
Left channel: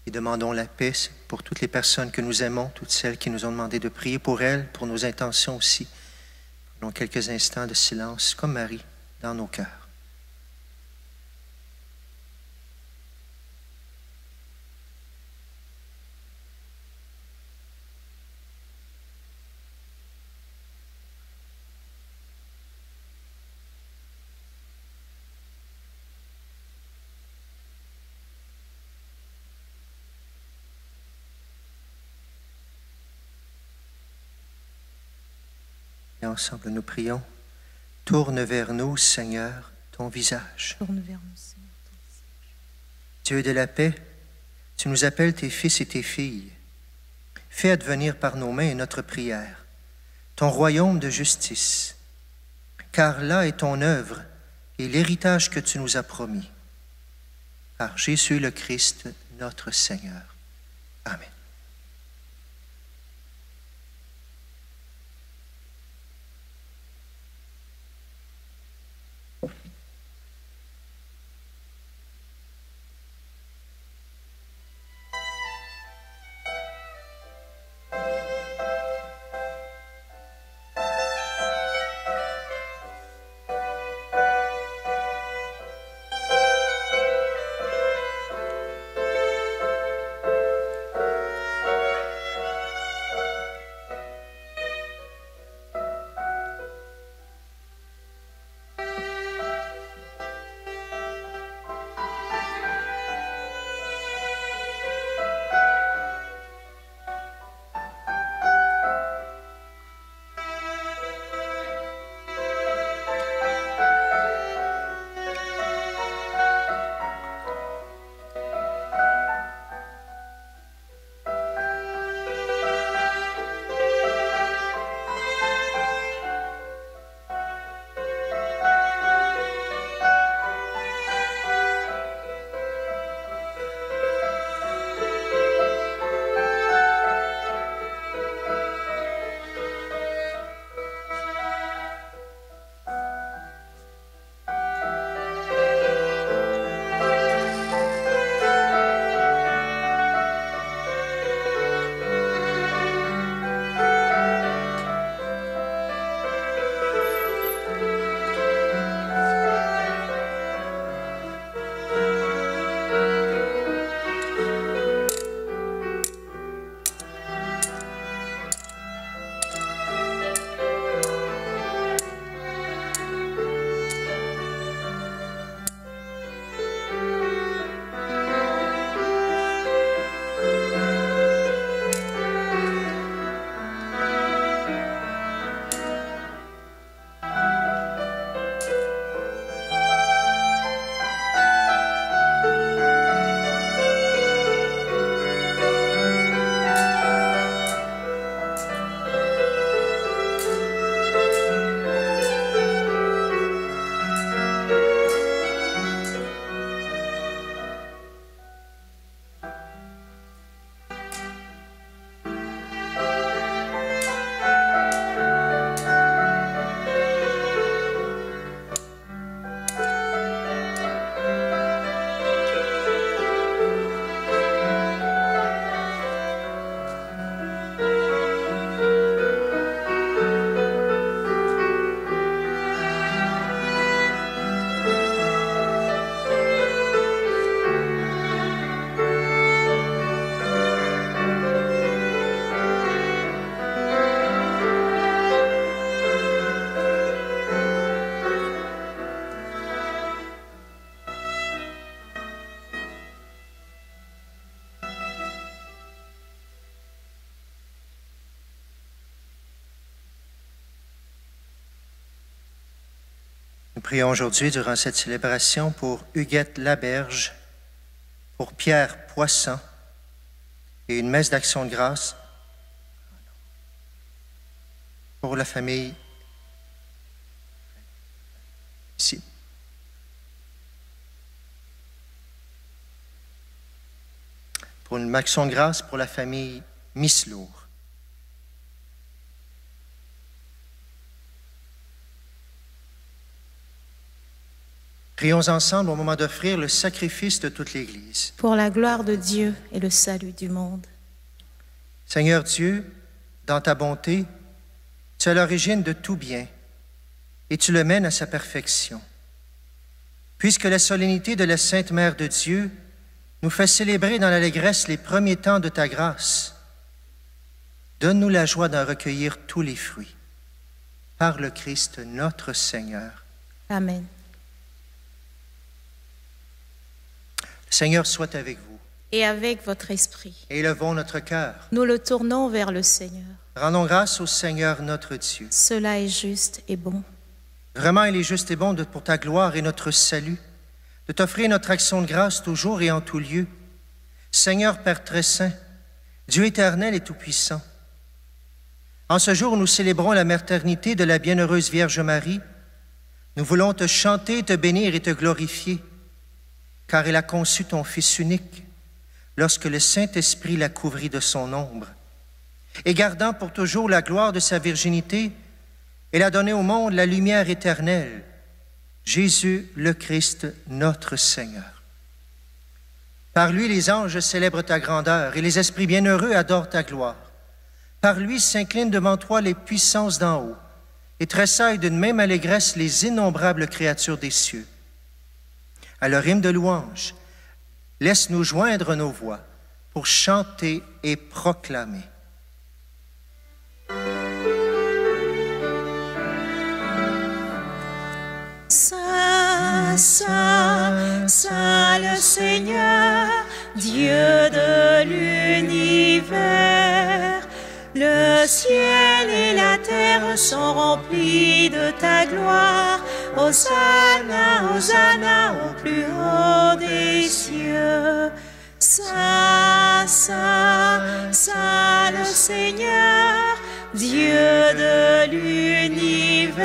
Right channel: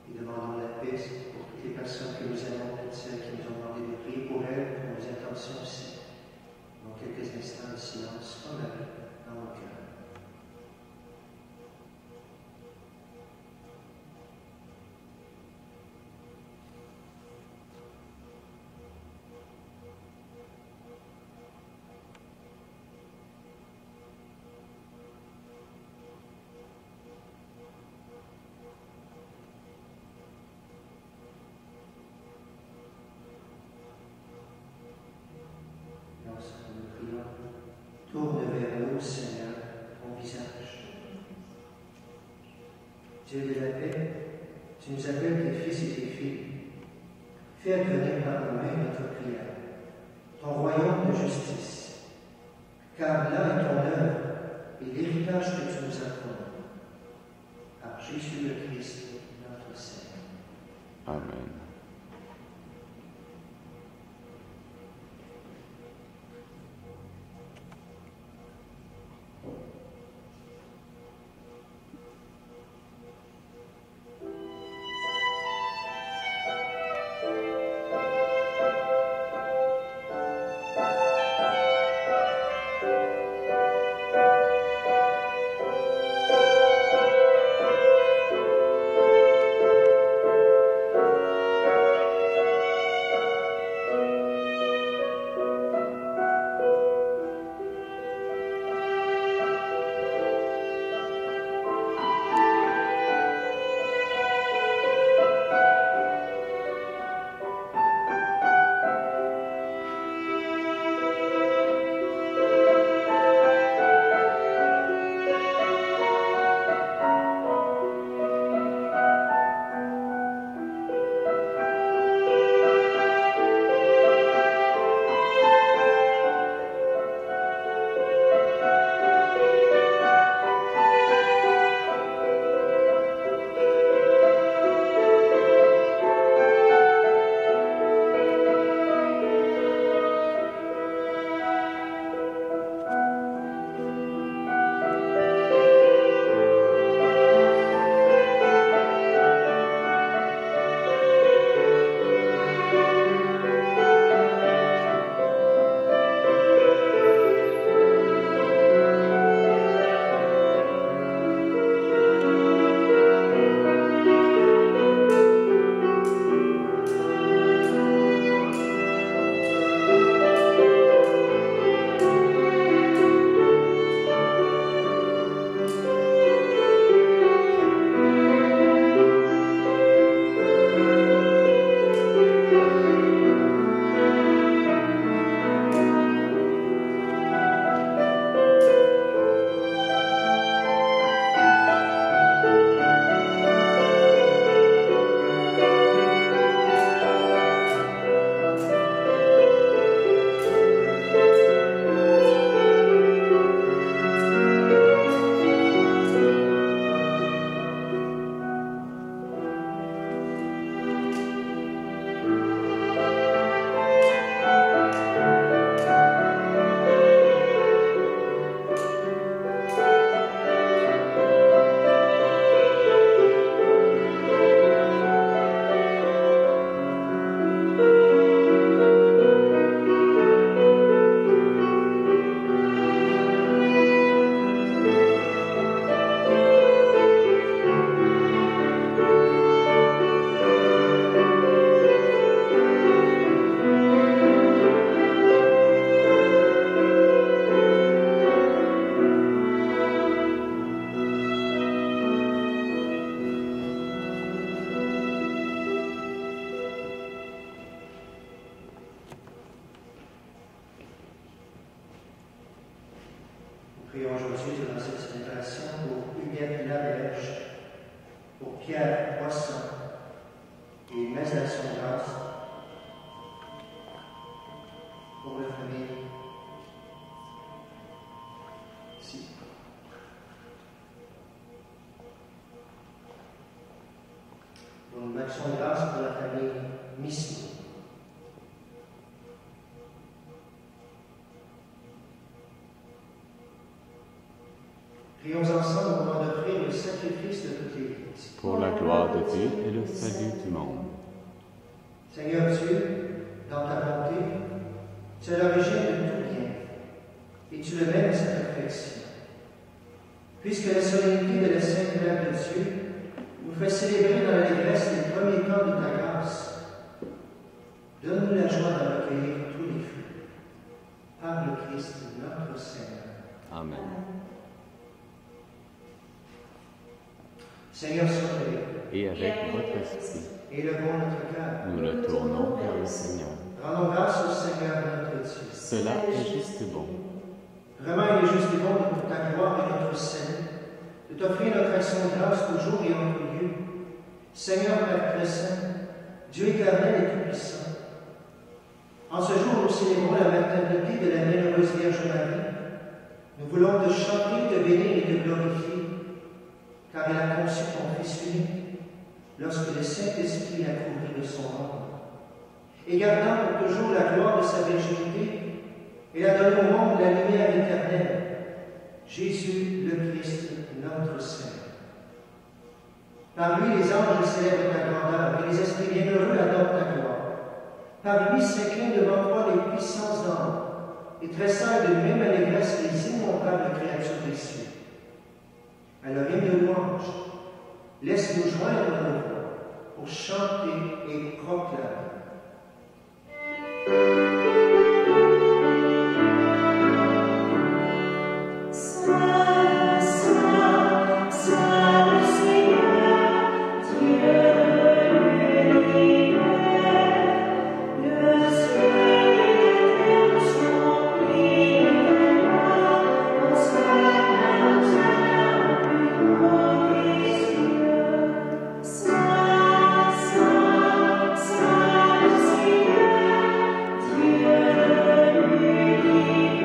Et demandons la paix pour toutes les personnes que nous aimons, toutes celles qui nous ont demandé de prier pour elles, pour nos intentions aussi. Prenons quelques instants de silence, comme Marie, dans nos cœurs. Et ensemble, nous prions. Tourne vers nous, Seigneur, ton visage. Dieu de la paix, tu nous appelles tes fils et tes filles. Fais advenir par nos mains notre prière, ton royaume de justice. Car là est ton œuvre, et l'héritage que tu nous as promis. Par Jésus le Christ, notre Seigneur. Amen. Prions aujourd'hui durant cette célébration pour Huguette Laberge, pour Pierre Poisson et une messe d'action de grâce pour la famille ici. Pour une action de grâce pour la famille Mislour. Prions ensemble au moment d'offrir le sacrifice de toute l'Église. Pour la gloire de Dieu et le salut du monde. Seigneur Dieu, dans ta bonté, tu es l'origine de tout bien et tu le mènes à sa perfection. Puisque la solennité de la Sainte Mère de Dieu nous fait célébrer dans l'allégresse les premiers temps de ta grâce, donne-nous la joie d'en recueillir tous les fruits. Par le Christ notre Seigneur. Amen. Seigneur soit avec vous. Et avec votre esprit. Élevons notre cœur. Nous le tournons vers le Seigneur. Rendons grâce au Seigneur notre Dieu. Cela est juste et bon. Vraiment, il est juste et bon pour ta gloire et notre salut, de t'offrir notre action de grâce toujours et en tout lieu. Seigneur Père très saint, Dieu éternel et tout-puissant, en ce jour où nous célébrons la maternité de la bienheureuse Vierge Marie, Nous voulons te chanter, te bénir et te glorifier, car elle a conçu ton Fils unique lorsque le Saint-Esprit l'a couvri de son ombre. Et gardant pour toujours la gloire de sa virginité, elle a donné au monde la lumière éternelle, Jésus le Christ, notre Seigneur. Par lui, les anges célèbrent ta grandeur et les esprits bienheureux adorent ta gloire. Par lui s'inclinent devant toi les puissances d'en haut et tressaillent d'une même allégresse les innombrables créatures des cieux. À leur hymne de louange, laisse-nous joindre nos voix pour chanter et proclamer. Saint, Saint, Saint le Seigneur, Dieu de l'univers, le ciel et la terre sont remplis de ta gloire. Hosanna, Hosanna au plus haut des cieux. Saint, Saint, Saint le Seigneur, Dieu de l'univers,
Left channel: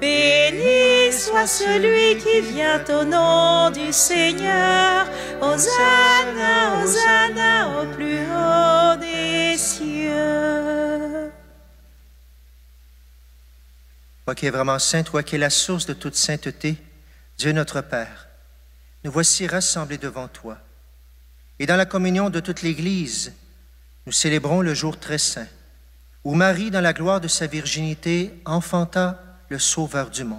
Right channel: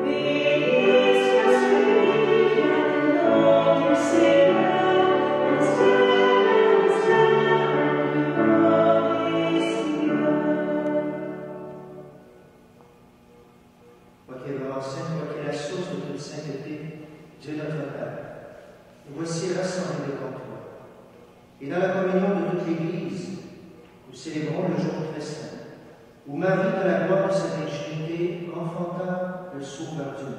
béni soit celui qui vient au nom du Seigneur. Hosanna, Hosanna au plus haut des cieux. Toi qui es vraiment saint, toi qui es la source de toute sainteté, Dieu notre Père, nous voici rassemblés devant toi. Et dans la communion de toute l'Église, nous célébrons le jour très saint, où Marie, dans la gloire de sa virginité, enfanta le Sauveur du monde.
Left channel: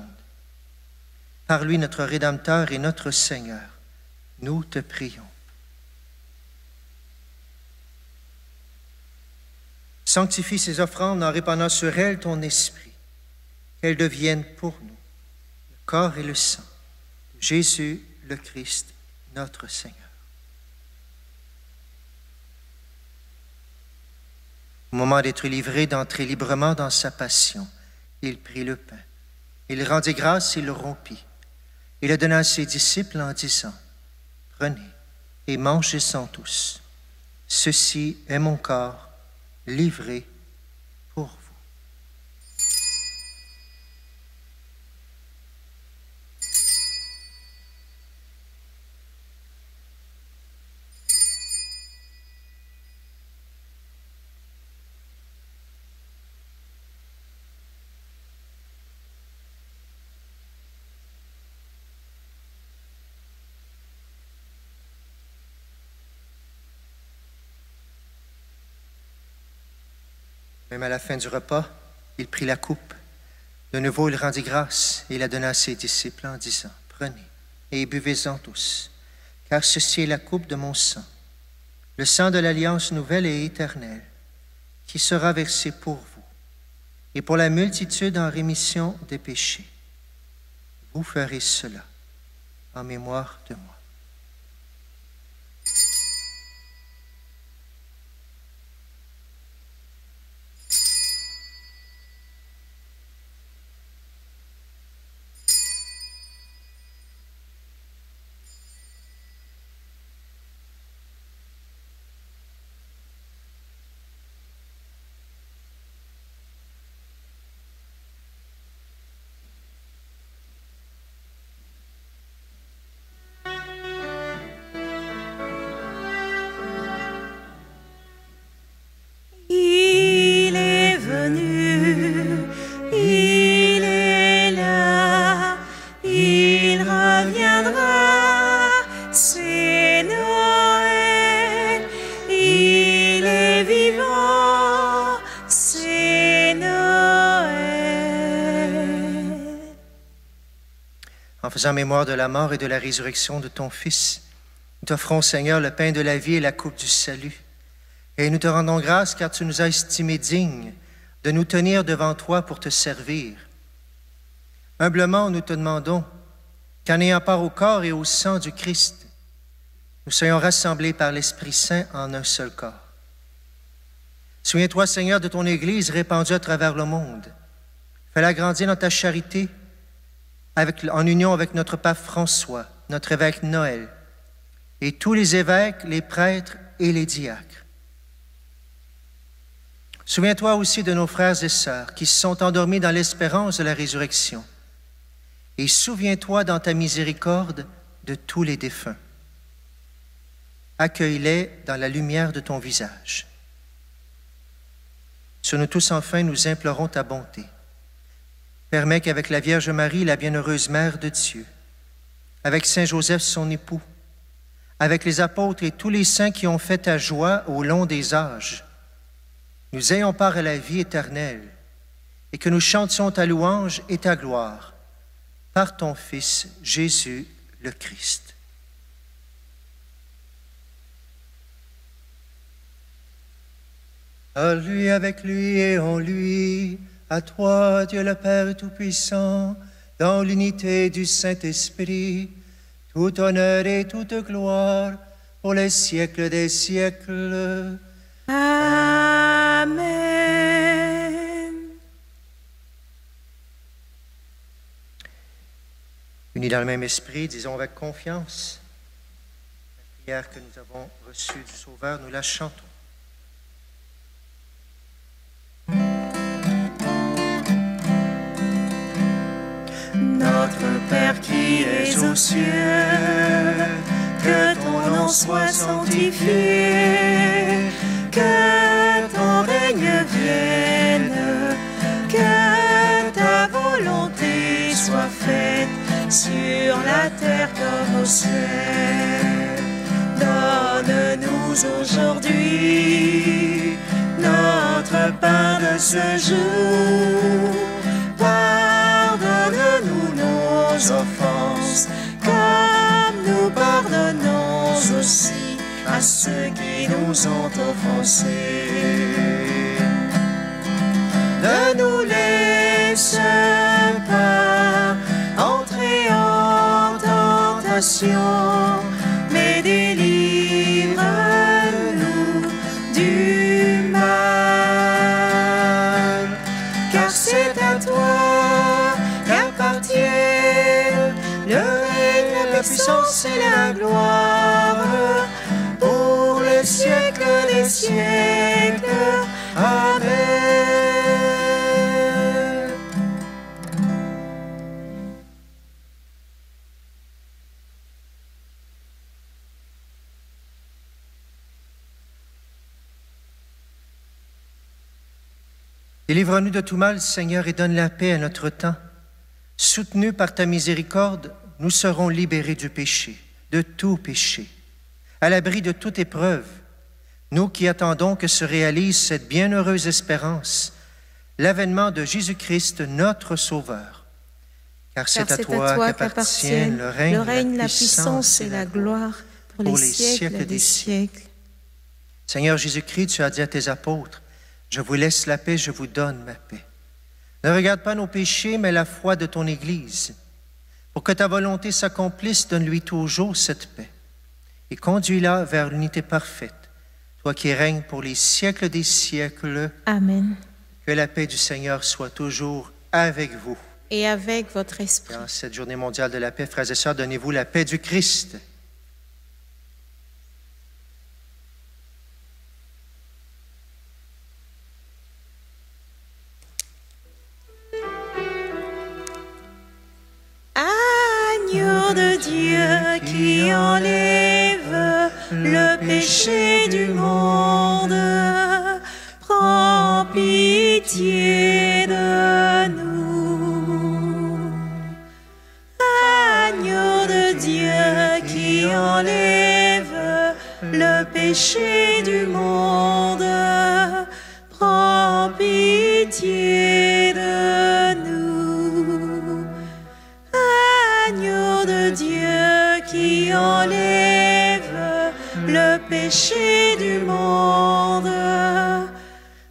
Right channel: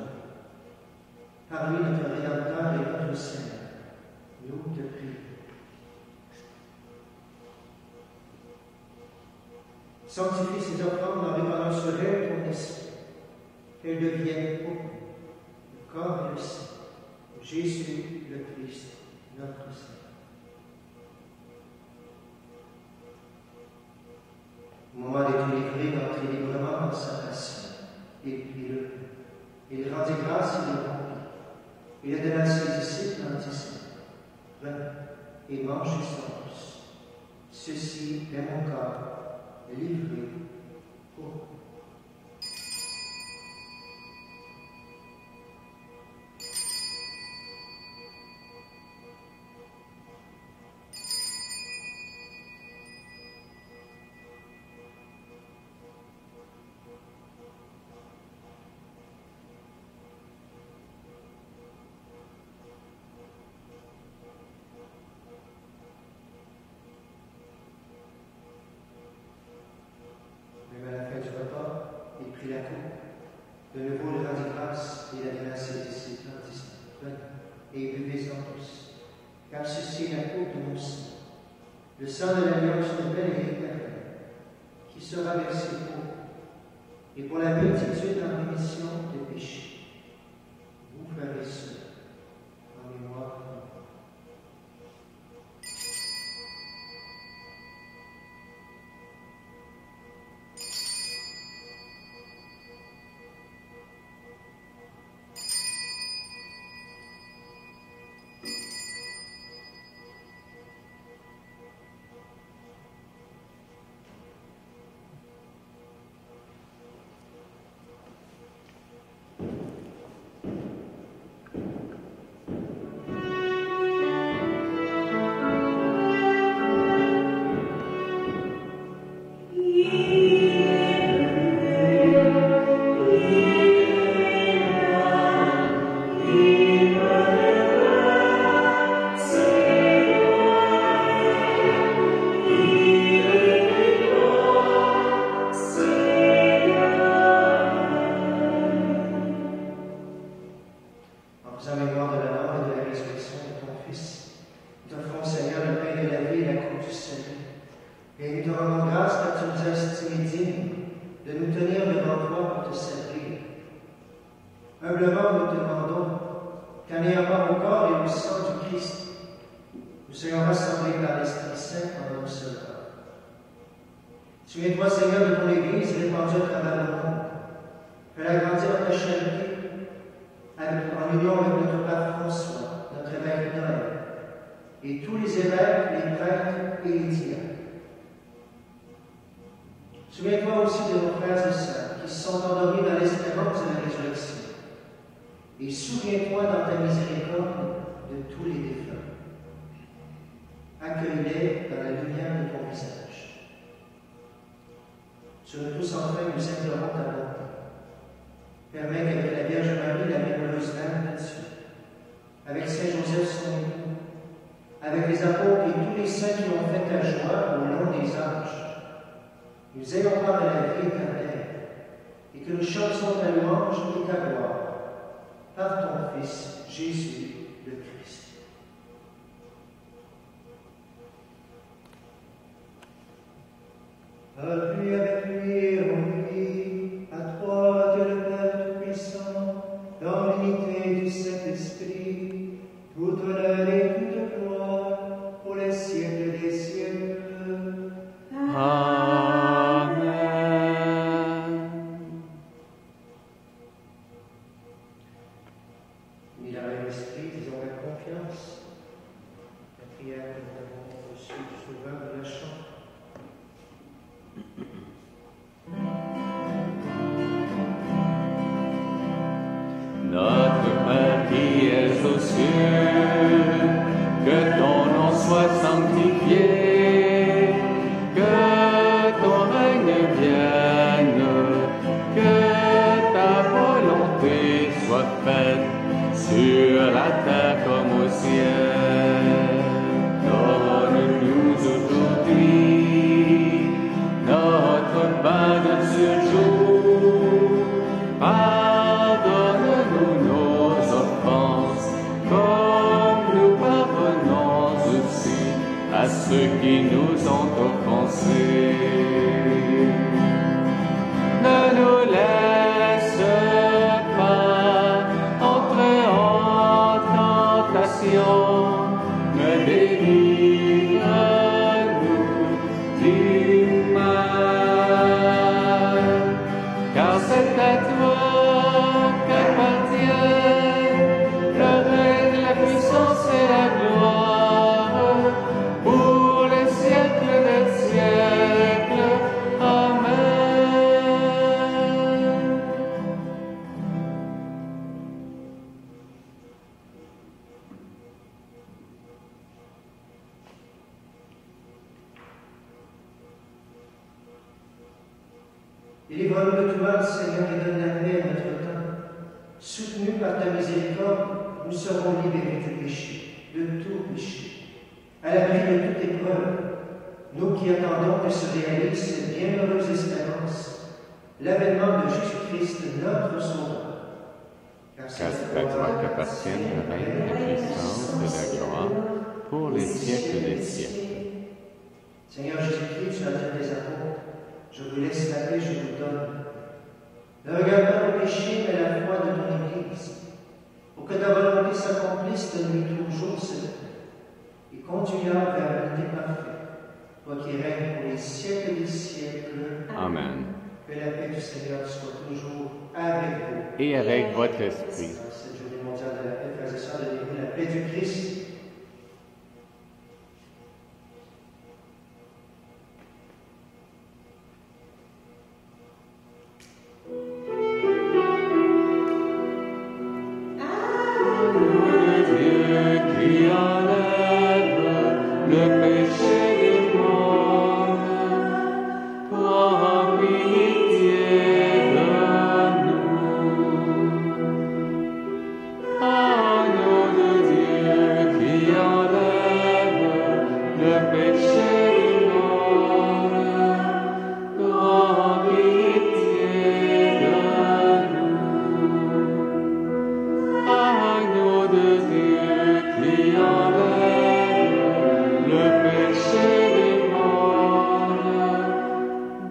Par lui, notre Rédempteur et notre Seigneur, nous te prions. Sanctifie ces offrandes en répandant sur elles ton esprit, qu'elles deviennent pour nous le corps et le sang de Jésus le Christ, notre Seigneur. Au moment d'être livré, d'entrer librement dans sa passion, il prit le pain. Il rendit grâce et le rompit. Il le donna à ses disciples en disant, « Prenez et mangez-en tous. Ceci est mon corps livré pour vous. » Même à la fin du repas, il prit la coupe. De nouveau, il rendit grâce et la donna à ses disciples en disant, « Prenez et buvez-en tous, car ceci est la coupe de mon sang, le sang de l'alliance nouvelle et éternelle, qui sera versé pour vous et pour la multitude en rémission des péchés. Vous ferez cela en mémoire de moi. » Il est venu, il est là, il reviendra, c'est Noël. Il est vivant, c'est Noël. En faisant mémoire de la mort et de la résurrection de ton Fils, nous t'offrons, Seigneur, le pain de la vie et la coupe du salut. Et nous te rendons grâce car tu nous as estimés dignes de nous tenir devant toi pour te servir. Humblement, nous te demandons qu'en ayant part au corps et au sang du Christ, nous soyons rassemblés par l'Esprit Saint en un seul corps. Souviens-toi, Seigneur, de ton Église répandue à travers le monde. Fais-la grandir dans ta charité en union avec notre pape François, notre évêque Noël, et tous les évêques, les prêtres et les diacres. Souviens-toi aussi de nos frères et sœurs qui se sont endormis dans l'espérance de la résurrection. Et souviens-toi dans ta miséricorde de tous les défunts. Accueille-les dans la lumière de ton visage. Sur nous tous, enfin, nous implorons ta bonté. Permets qu'avec la Vierge Marie, la bienheureuse Mère de Dieu, avec Saint Joseph, son époux, avec les apôtres et tous les saints qui ont fait ta joie au long des âges, nous ayons part à la vie éternelle et que nous chantions ta louange et ta gloire par ton Fils, Jésus le Christ. À lui, avec lui et en lui, à toi, Dieu le Père Tout-Puissant, dans l'unité du Saint-Esprit, tout honneur et toute gloire pour les siècles des siècles. Amen. Unis dans le même esprit, disons avec confiance la prière que nous avons reçue du Sauveur, nous la chantons. Notre Père qui es aux cieux, que ton nom soit sanctifié, que ton règne vienne, que ta volonté soit faite sur la terre comme au ciel. Donne-nous aujourd'hui notre pain de ce jour. Pardonne-nous nos offenses, comme nous pardonnons aussi à ceux qui nous ont offensés. Ne nous laisse pas entrer en tentation, mais délivre-nous du mal. Car c'est à toi qu'appartiennent le règne, la puissance et la gloire pour les siècles des siècles. Amen. Délivre-nous de tout mal, Seigneur, et donne la paix à notre temps. Soutenus par ta miséricorde, nous serons libérés du péché, de tout péché, à l'abri de toute épreuve, nous qui attendons que se réalise cette bienheureuse espérance, l'avènement de Jésus-Christ, notre Sauveur. Car c'est à toi qu'appartiennent le règne, la puissance et la gloire pour les siècles des siècles. Seigneur Jésus-Christ, tu as dit à tes apôtres, « Je vous laisse la paix, je vous donne ma paix. » Ne regarde pas nos péchés, mais la foi de ton Église. Pour que ta volonté s'accomplisse, donne-lui toujours cette paix. Et conduis-la vers l'unité parfaite, toi qui règnes pour les siècles des siècles. Amen. Que la paix du Seigneur soit toujours avec vous. Et avec votre esprit. Dans cette journée mondiale de la paix, frères et sœurs, donnez-vous la paix du Christ. Agneau de Dieu qui enlève le péché du monde, prends pitié de nous. Agneau de Dieu qui enlève le péché du monde, prends pitié de nous. Agneau de Dieu qui enlève le péché du monde,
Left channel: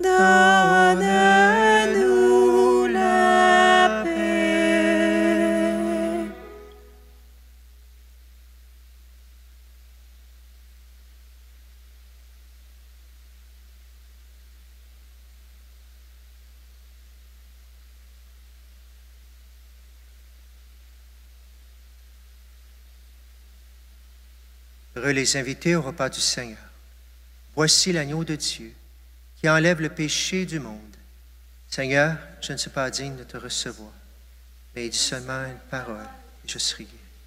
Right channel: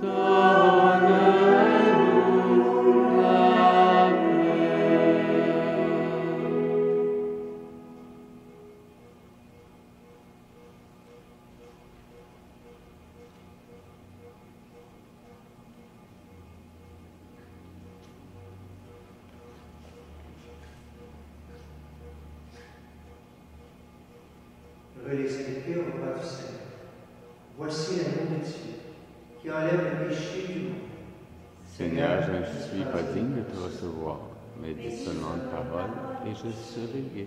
donne-nous la paix. Heureux les invités au repas du Seigneur. Voici l'agneau de Dieu. qui enlève le péché du monde. Seigneur, je ne suis pas digne de te recevoir, mais dis seulement une parole, et je serai guéri.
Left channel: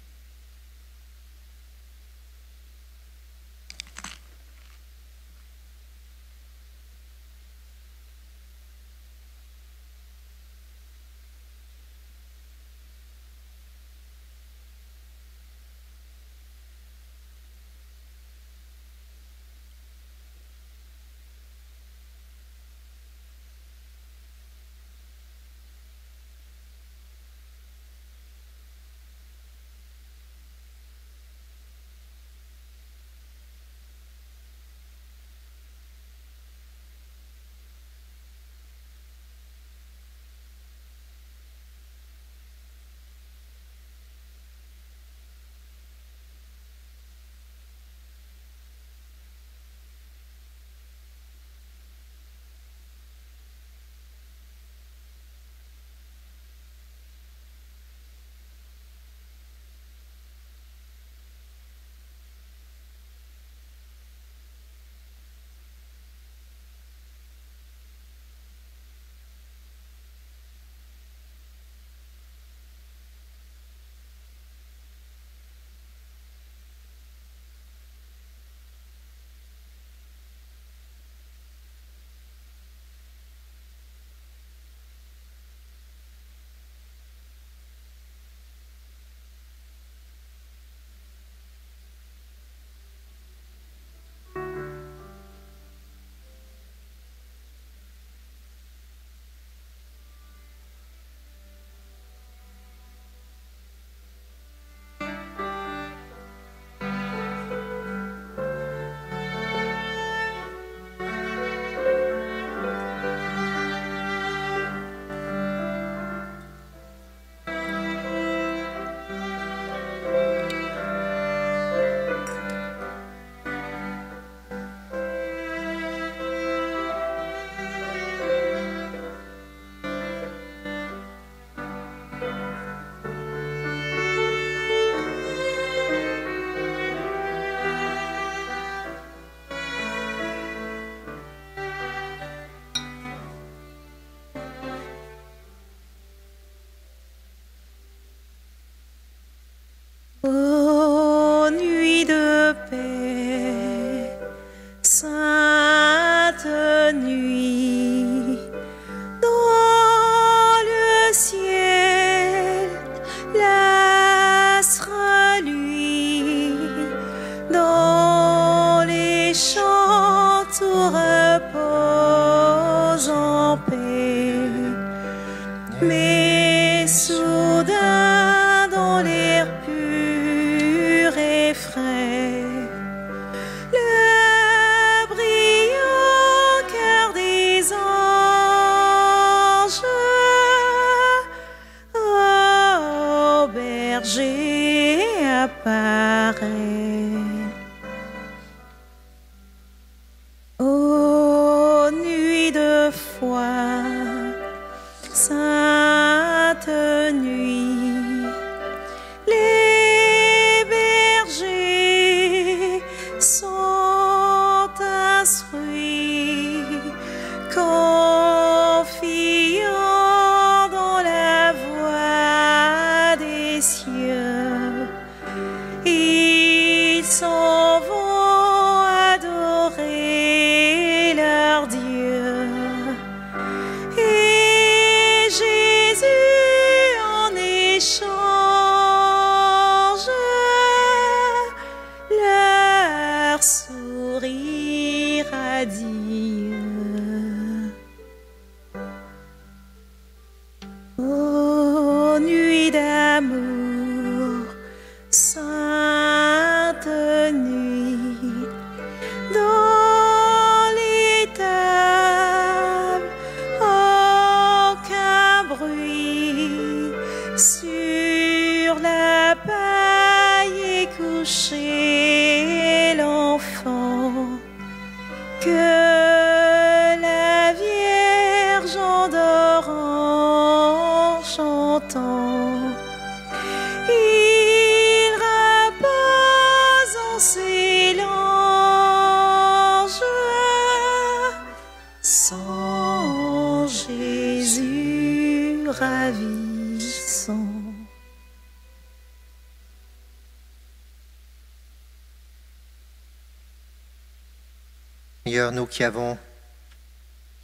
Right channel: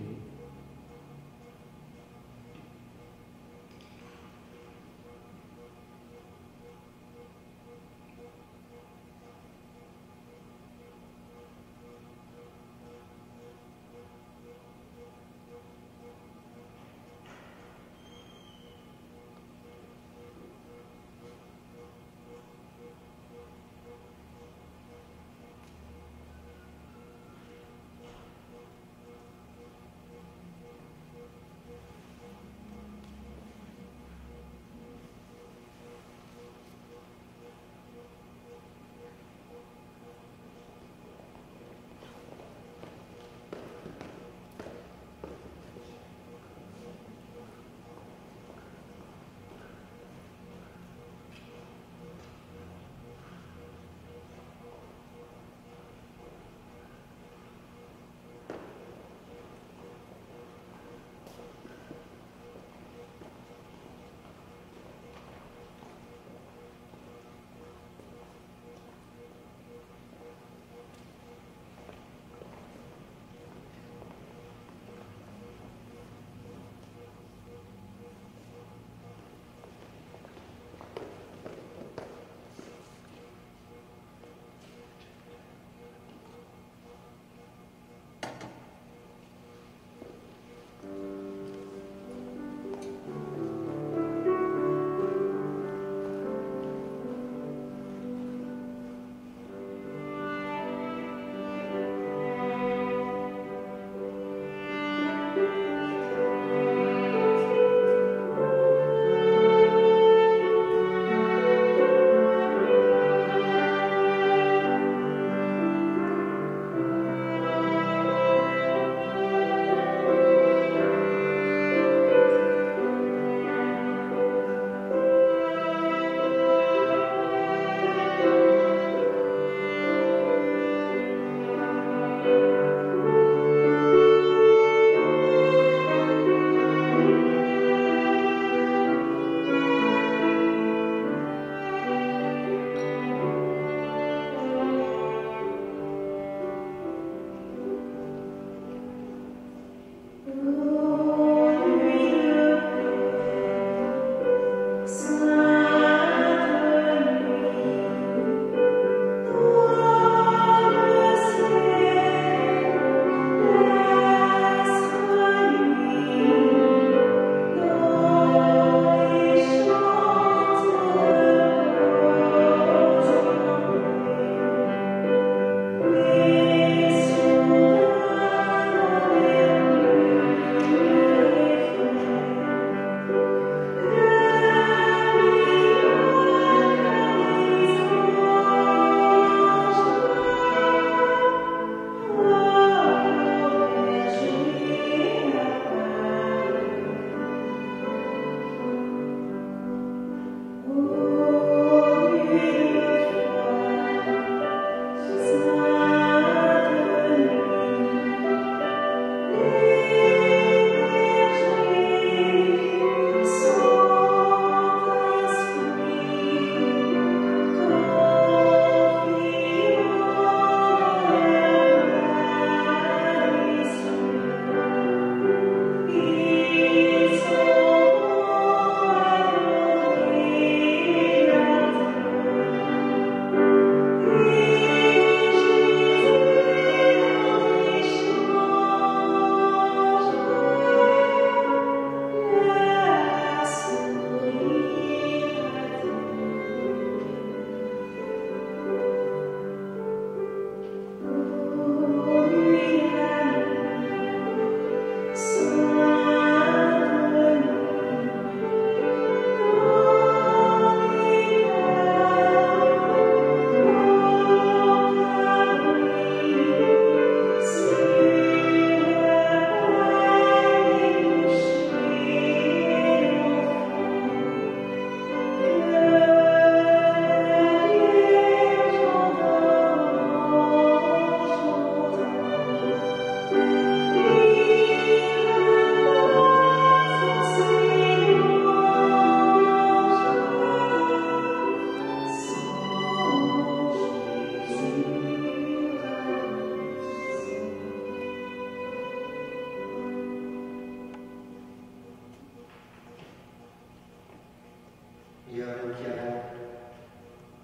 Seigneur, nous qui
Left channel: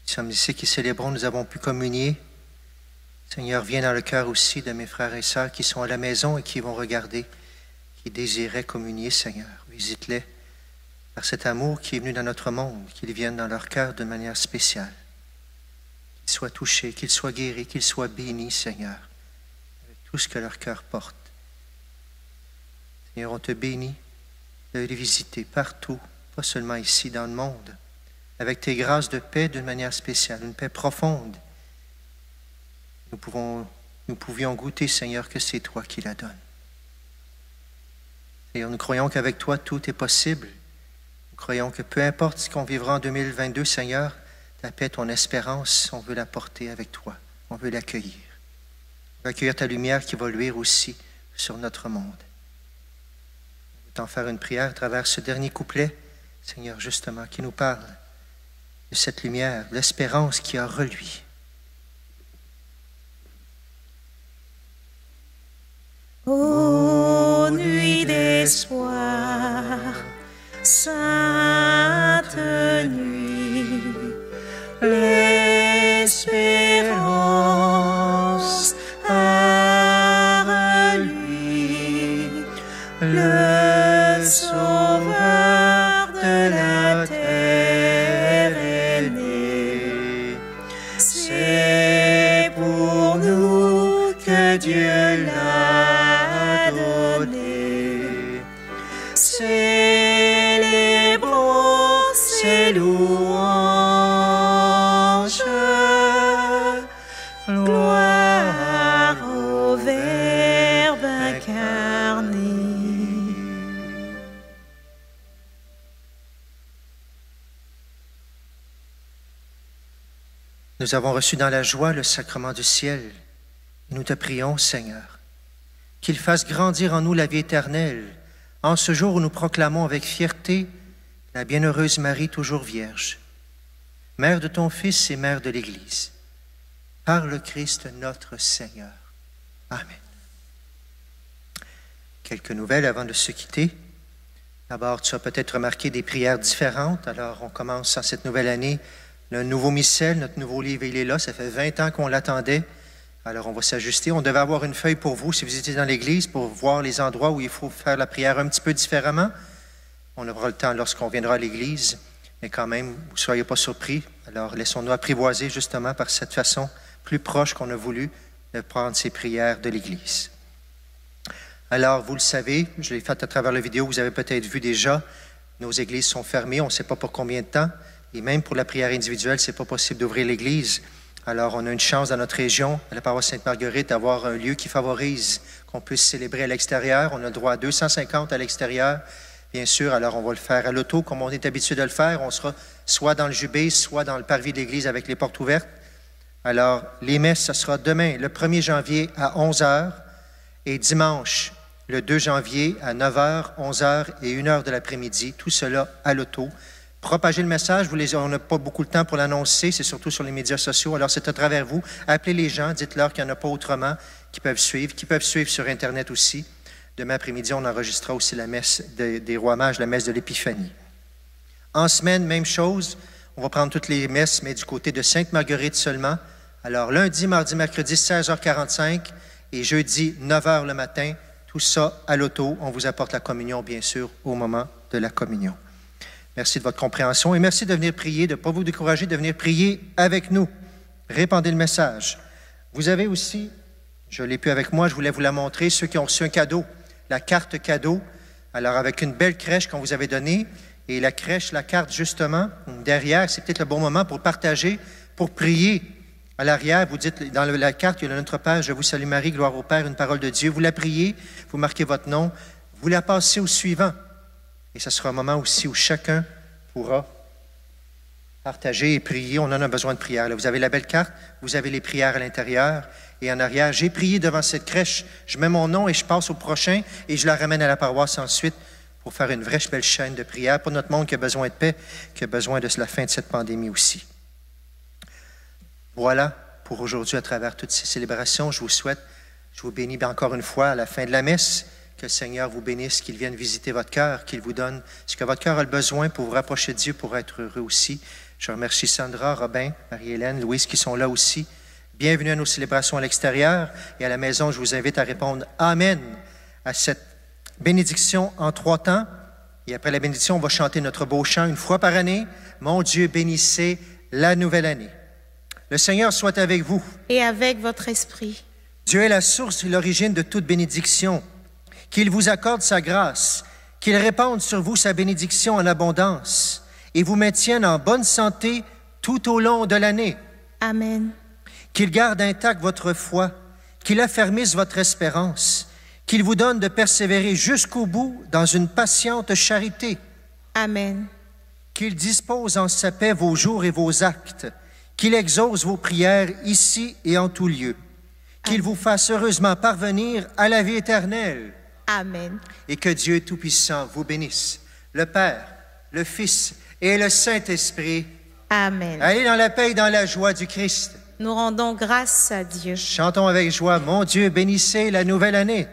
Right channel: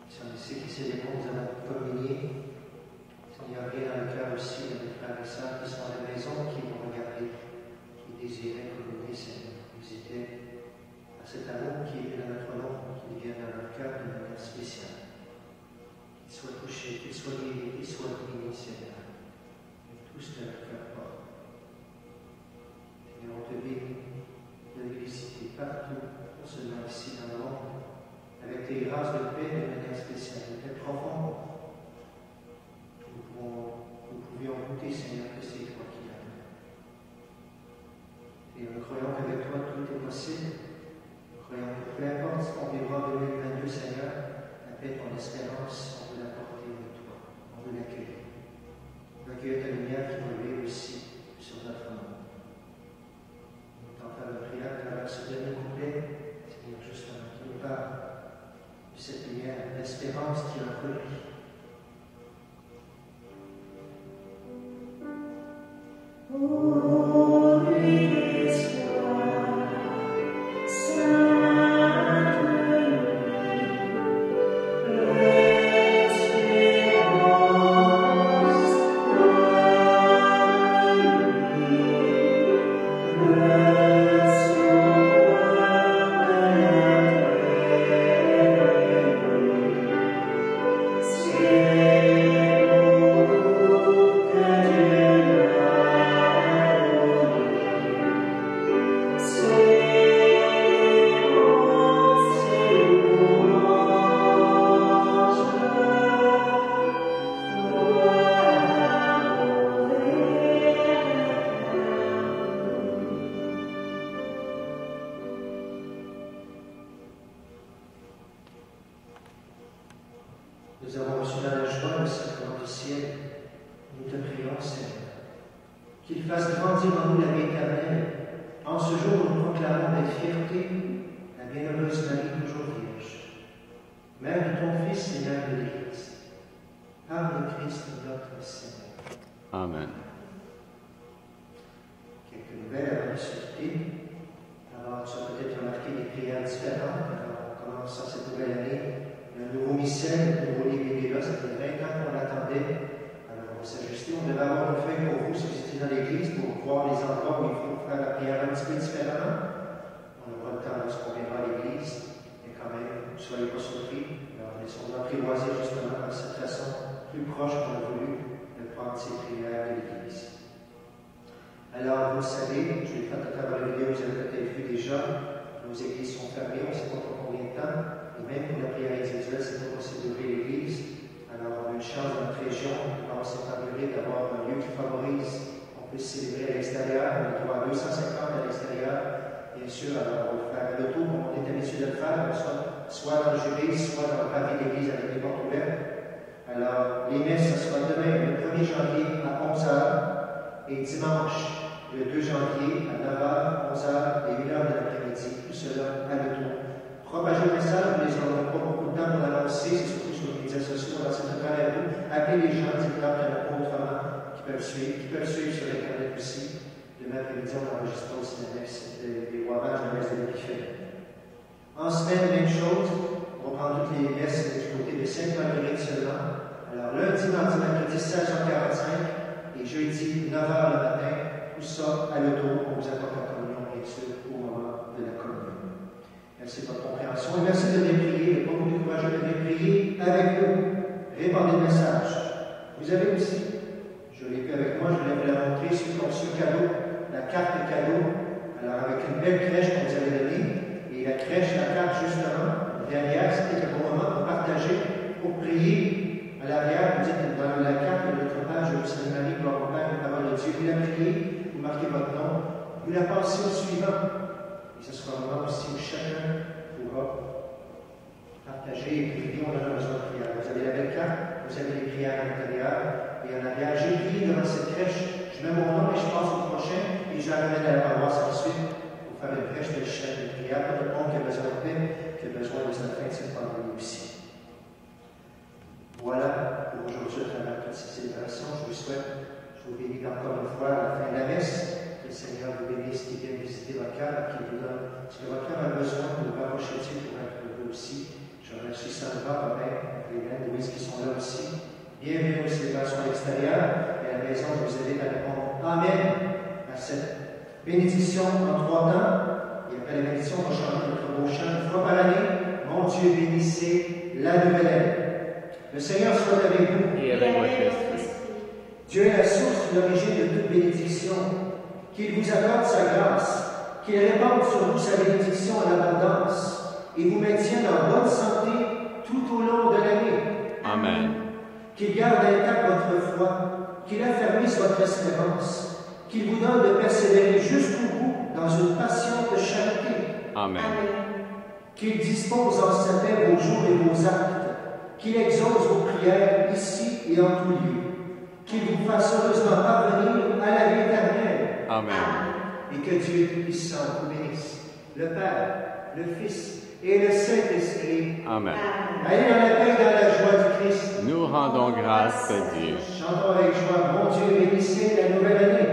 sommes ici, qui célébrons, nous avons pu communier. Seigneur, viens dans le cœur aussi de mes frères et sœurs qui sont à la maison et qui vont regarder, qui désiraient communier, Seigneur. Visite-les par cet amour qui est venu dans notre monde, qu'il vienne dans leur cœur de manière spéciale. Qu'ils soient touchés, qu'ils soient guéris, qu'ils soient bénis, Seigneur. Tout ce que leur cœur porte. Seigneur, on te bénit de les visiter partout, pas seulement ici dans le monde, avec tes grâces de paix d'une manière spéciale, une paix profonde. Nous pouvions goûter, Seigneur, que c'est toi qui la donnes. Seigneur, nous croyons qu'avec toi, tout est possible. Nous croyons que peu importe ce qu'on vivra en 2022, Seigneur, ta paix, ton espérance, on veut la porter avec toi. On veut l'accueillir. On veut accueillir ta lumière qui va luire aussi sur notre monde. T'en faire une prière à travers ce dernier couplet, Seigneur, justement, qui nous parle de cette lumière, l'espérance qui a reluit. Ô nuit d'espoir, sainte nuit, l'espérance a reluit, le Sauveur de la terre est né. C'est pour nous que Dieu l'a donné. Célébrons ses louanges, gloire au Verbe incarné. Nous avons reçu dans la joie le sacrement du ciel. Nous te prions, Seigneur, qu'il fasse grandir en nous la vie éternelle, en ce jour où nous proclamons avec fierté la bienheureuse Marie, toujours vierge, mère de ton Fils et mère de l'Église, par le Christ notre Seigneur. Amen. Amen. Quelques nouvelles avant de se quitter. D'abord, tu as peut-être remarqué des prières différentes. Alors, on commence en cette nouvelle année. Le nouveau missel, notre nouveau livre, il est là. Ça fait 20 ans qu'on l'attendait. Alors, on va s'ajuster. On devait avoir une feuille pour vous, si vous étiez dans l'Église, pour voir les endroits où il faut faire la prière un petit peu différemment. On aura le temps lorsqu'on viendra à l'Église. Mais quand même, ne soyez pas surpris. Alors, laissons-nous apprivoiser justement par cette façon plus proche qu'on a voulu de prendre ces prières de l'Église. Alors, vous le savez, je l'ai fait à travers la vidéo, vous avez peut-être vu déjà, nos églises sont fermées, on ne sait pas pour combien de temps, et même pour la prière individuelle, ce n'est pas possible d'ouvrir l'église. Alors, on a une chance dans notre région, à la paroisse Sainte-Marguerite, d'avoir un lieu qui favorise qu'on puisse célébrer à l'extérieur. On a droit à 250 à l'extérieur, bien sûr, alors on va le faire à l'auto, comme on est habitué de le faire. On sera soit dans le jubé, soit dans le parvis de l'église avec les portes ouvertes. Alors, les messes, ce sera demain, le 1er janvier à 11h, et dimanche, le 2 janvier à 9h, 11h et 1h de l'après-midi, tout cela à l'auto. Propagez le message, on n'a pas beaucoup de temps pour l'annoncer, c'est surtout sur les médias sociaux, alors c'est à travers vous. Appelez les gens, dites-leur qu'il n'y en a pas autrement, qui peuvent suivre sur Internet aussi. Demain après-midi, on enregistrera aussi la messe des Rois Mages, la messe de l'Épiphanie. En semaine, même chose, on va prendre toutes les messes, mais du côté de Sainte-Marguerite seulement. Alors lundi, mardi, mercredi, 16h45 et jeudi, 9h le matin, tout ça à l'auto. On vous apporte la communion, bien sûr, au moment de la communion. Merci de votre compréhension et merci de venir prier, de ne pas vous décourager, de venir prier avec nous. Répandez le message. Vous avez aussi, je l'ai plus avec moi, je voulais vous la montrer, ceux qui ont reçu un cadeau, la carte cadeau. Alors, avec une belle crèche qu'on vous avait donnée, et la crèche, la carte, justement, derrière, c'est peut-être le bon moment pour partager, pour prier. À l'arrière, vous dites, dans la carte, il y a notre Père, je vous salue Marie, gloire au Père, une parole de Dieu. Vous la priez, vous marquez votre nom, vous la passez au suivant. Et ce sera un moment aussi où chacun pourra partager et prier. On en a besoin de prière. Là, vous avez la belle carte, vous avez les prières à l'intérieur et en arrière. J'ai prié devant cette crèche, je mets mon nom et je passe au prochain et je la ramène à la paroisse ensuite pour faire une vraie belle chaîne de prière pour notre monde qui a besoin de paix, qui a besoin de la fin de cette pandémie aussi. Voilà pour aujourd'hui à travers toutes ces célébrations. Je vous souhaite, je vous bénis encore une fois à la fin de la messe Que le Seigneur vous bénisse, qu'il vienne visiter votre cœur, qu'il vous donne ce que votre cœur a besoin pour vous rapprocher de Dieu, pour être heureux aussi. Je remercie Sandra, Robin, Marie-Hélène, Louise qui sont là aussi. Bienvenue à nos célébrations à l'extérieur et à la maison. Je vous invite à répondre « Amen » à cette bénédiction en 3 temps. Et après la bénédiction, on va chanter notre beau chant une fois par année. « Mon Dieu, bénissez la nouvelle année ». Le Seigneur soit avec vous. Et avec votre esprit. Dieu est la source et l'origine de toute bénédiction. Qu'il vous accorde sa grâce, qu'il répande sur vous sa bénédiction en abondance et vous maintienne en bonne santé tout au long de l'année. Amen. Qu'il garde intacte votre foi, qu'il affermisse votre espérance, qu'il vous donne de persévérer jusqu'au bout dans une patiente charité. Amen. Qu'il dispose en sa paix vos jours et vos actes, qu'il exauce vos prières ici et en tout lieu, qu'il vous fasse heureusement parvenir à la vie éternelle. Amen. Et que Dieu Tout-Puissant vous bénisse, le Père, le Fils et le Saint-Esprit. Amen. Amen. Allez dans la paix et dans la joie du Christ. Nous rendons grâce à Dieu. Chantons avec joie, mon Dieu, bénissez la nouvelle année.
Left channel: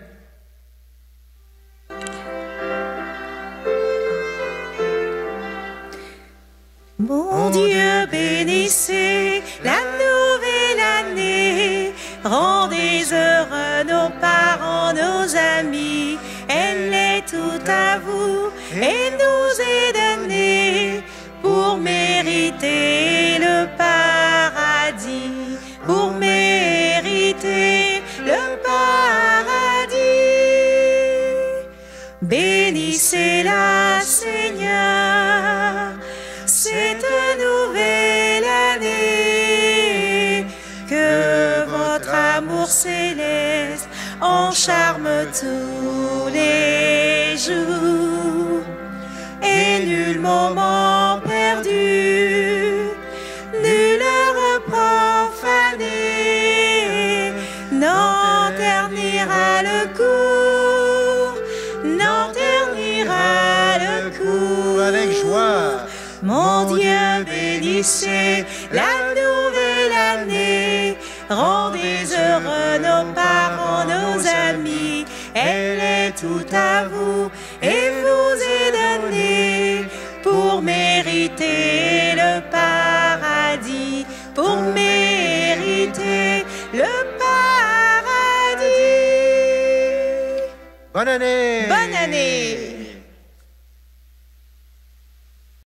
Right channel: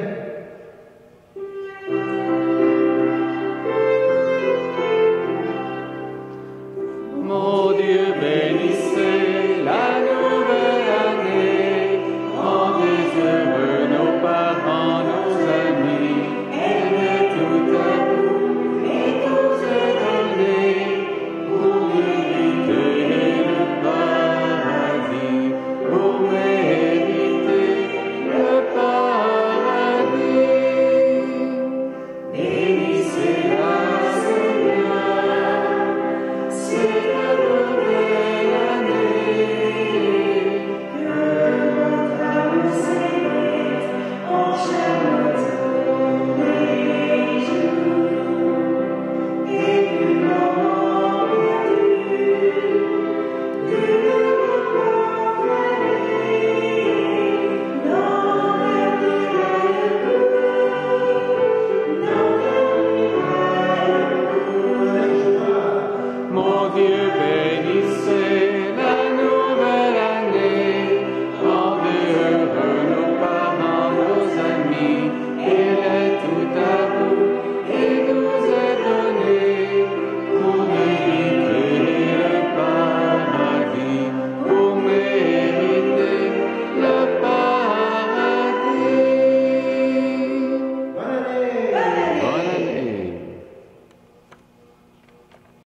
Mon Dieu, bénissez la nouvelle année. Rendez heureux nos parents, nos amis. Elle est toute à vous et nous est donnée pour mériter le paradis. Pour mériter le paradis. Bénissez-la, Seigneur. Cette nouvelle année, que votre amour céleste encharme tous les jours, et nul moment perdu, nul repas fané, n'en ternira le cours, n'en ternira le cours. Avec joie. Mon Dieu, bénissez la nouvelle année. Rendez heureux nos parents, nos amis. Elle est toute à vous et vous est donnée pour mériter le paradis. Pour mériter le paradis. Bonne année! Bonne année!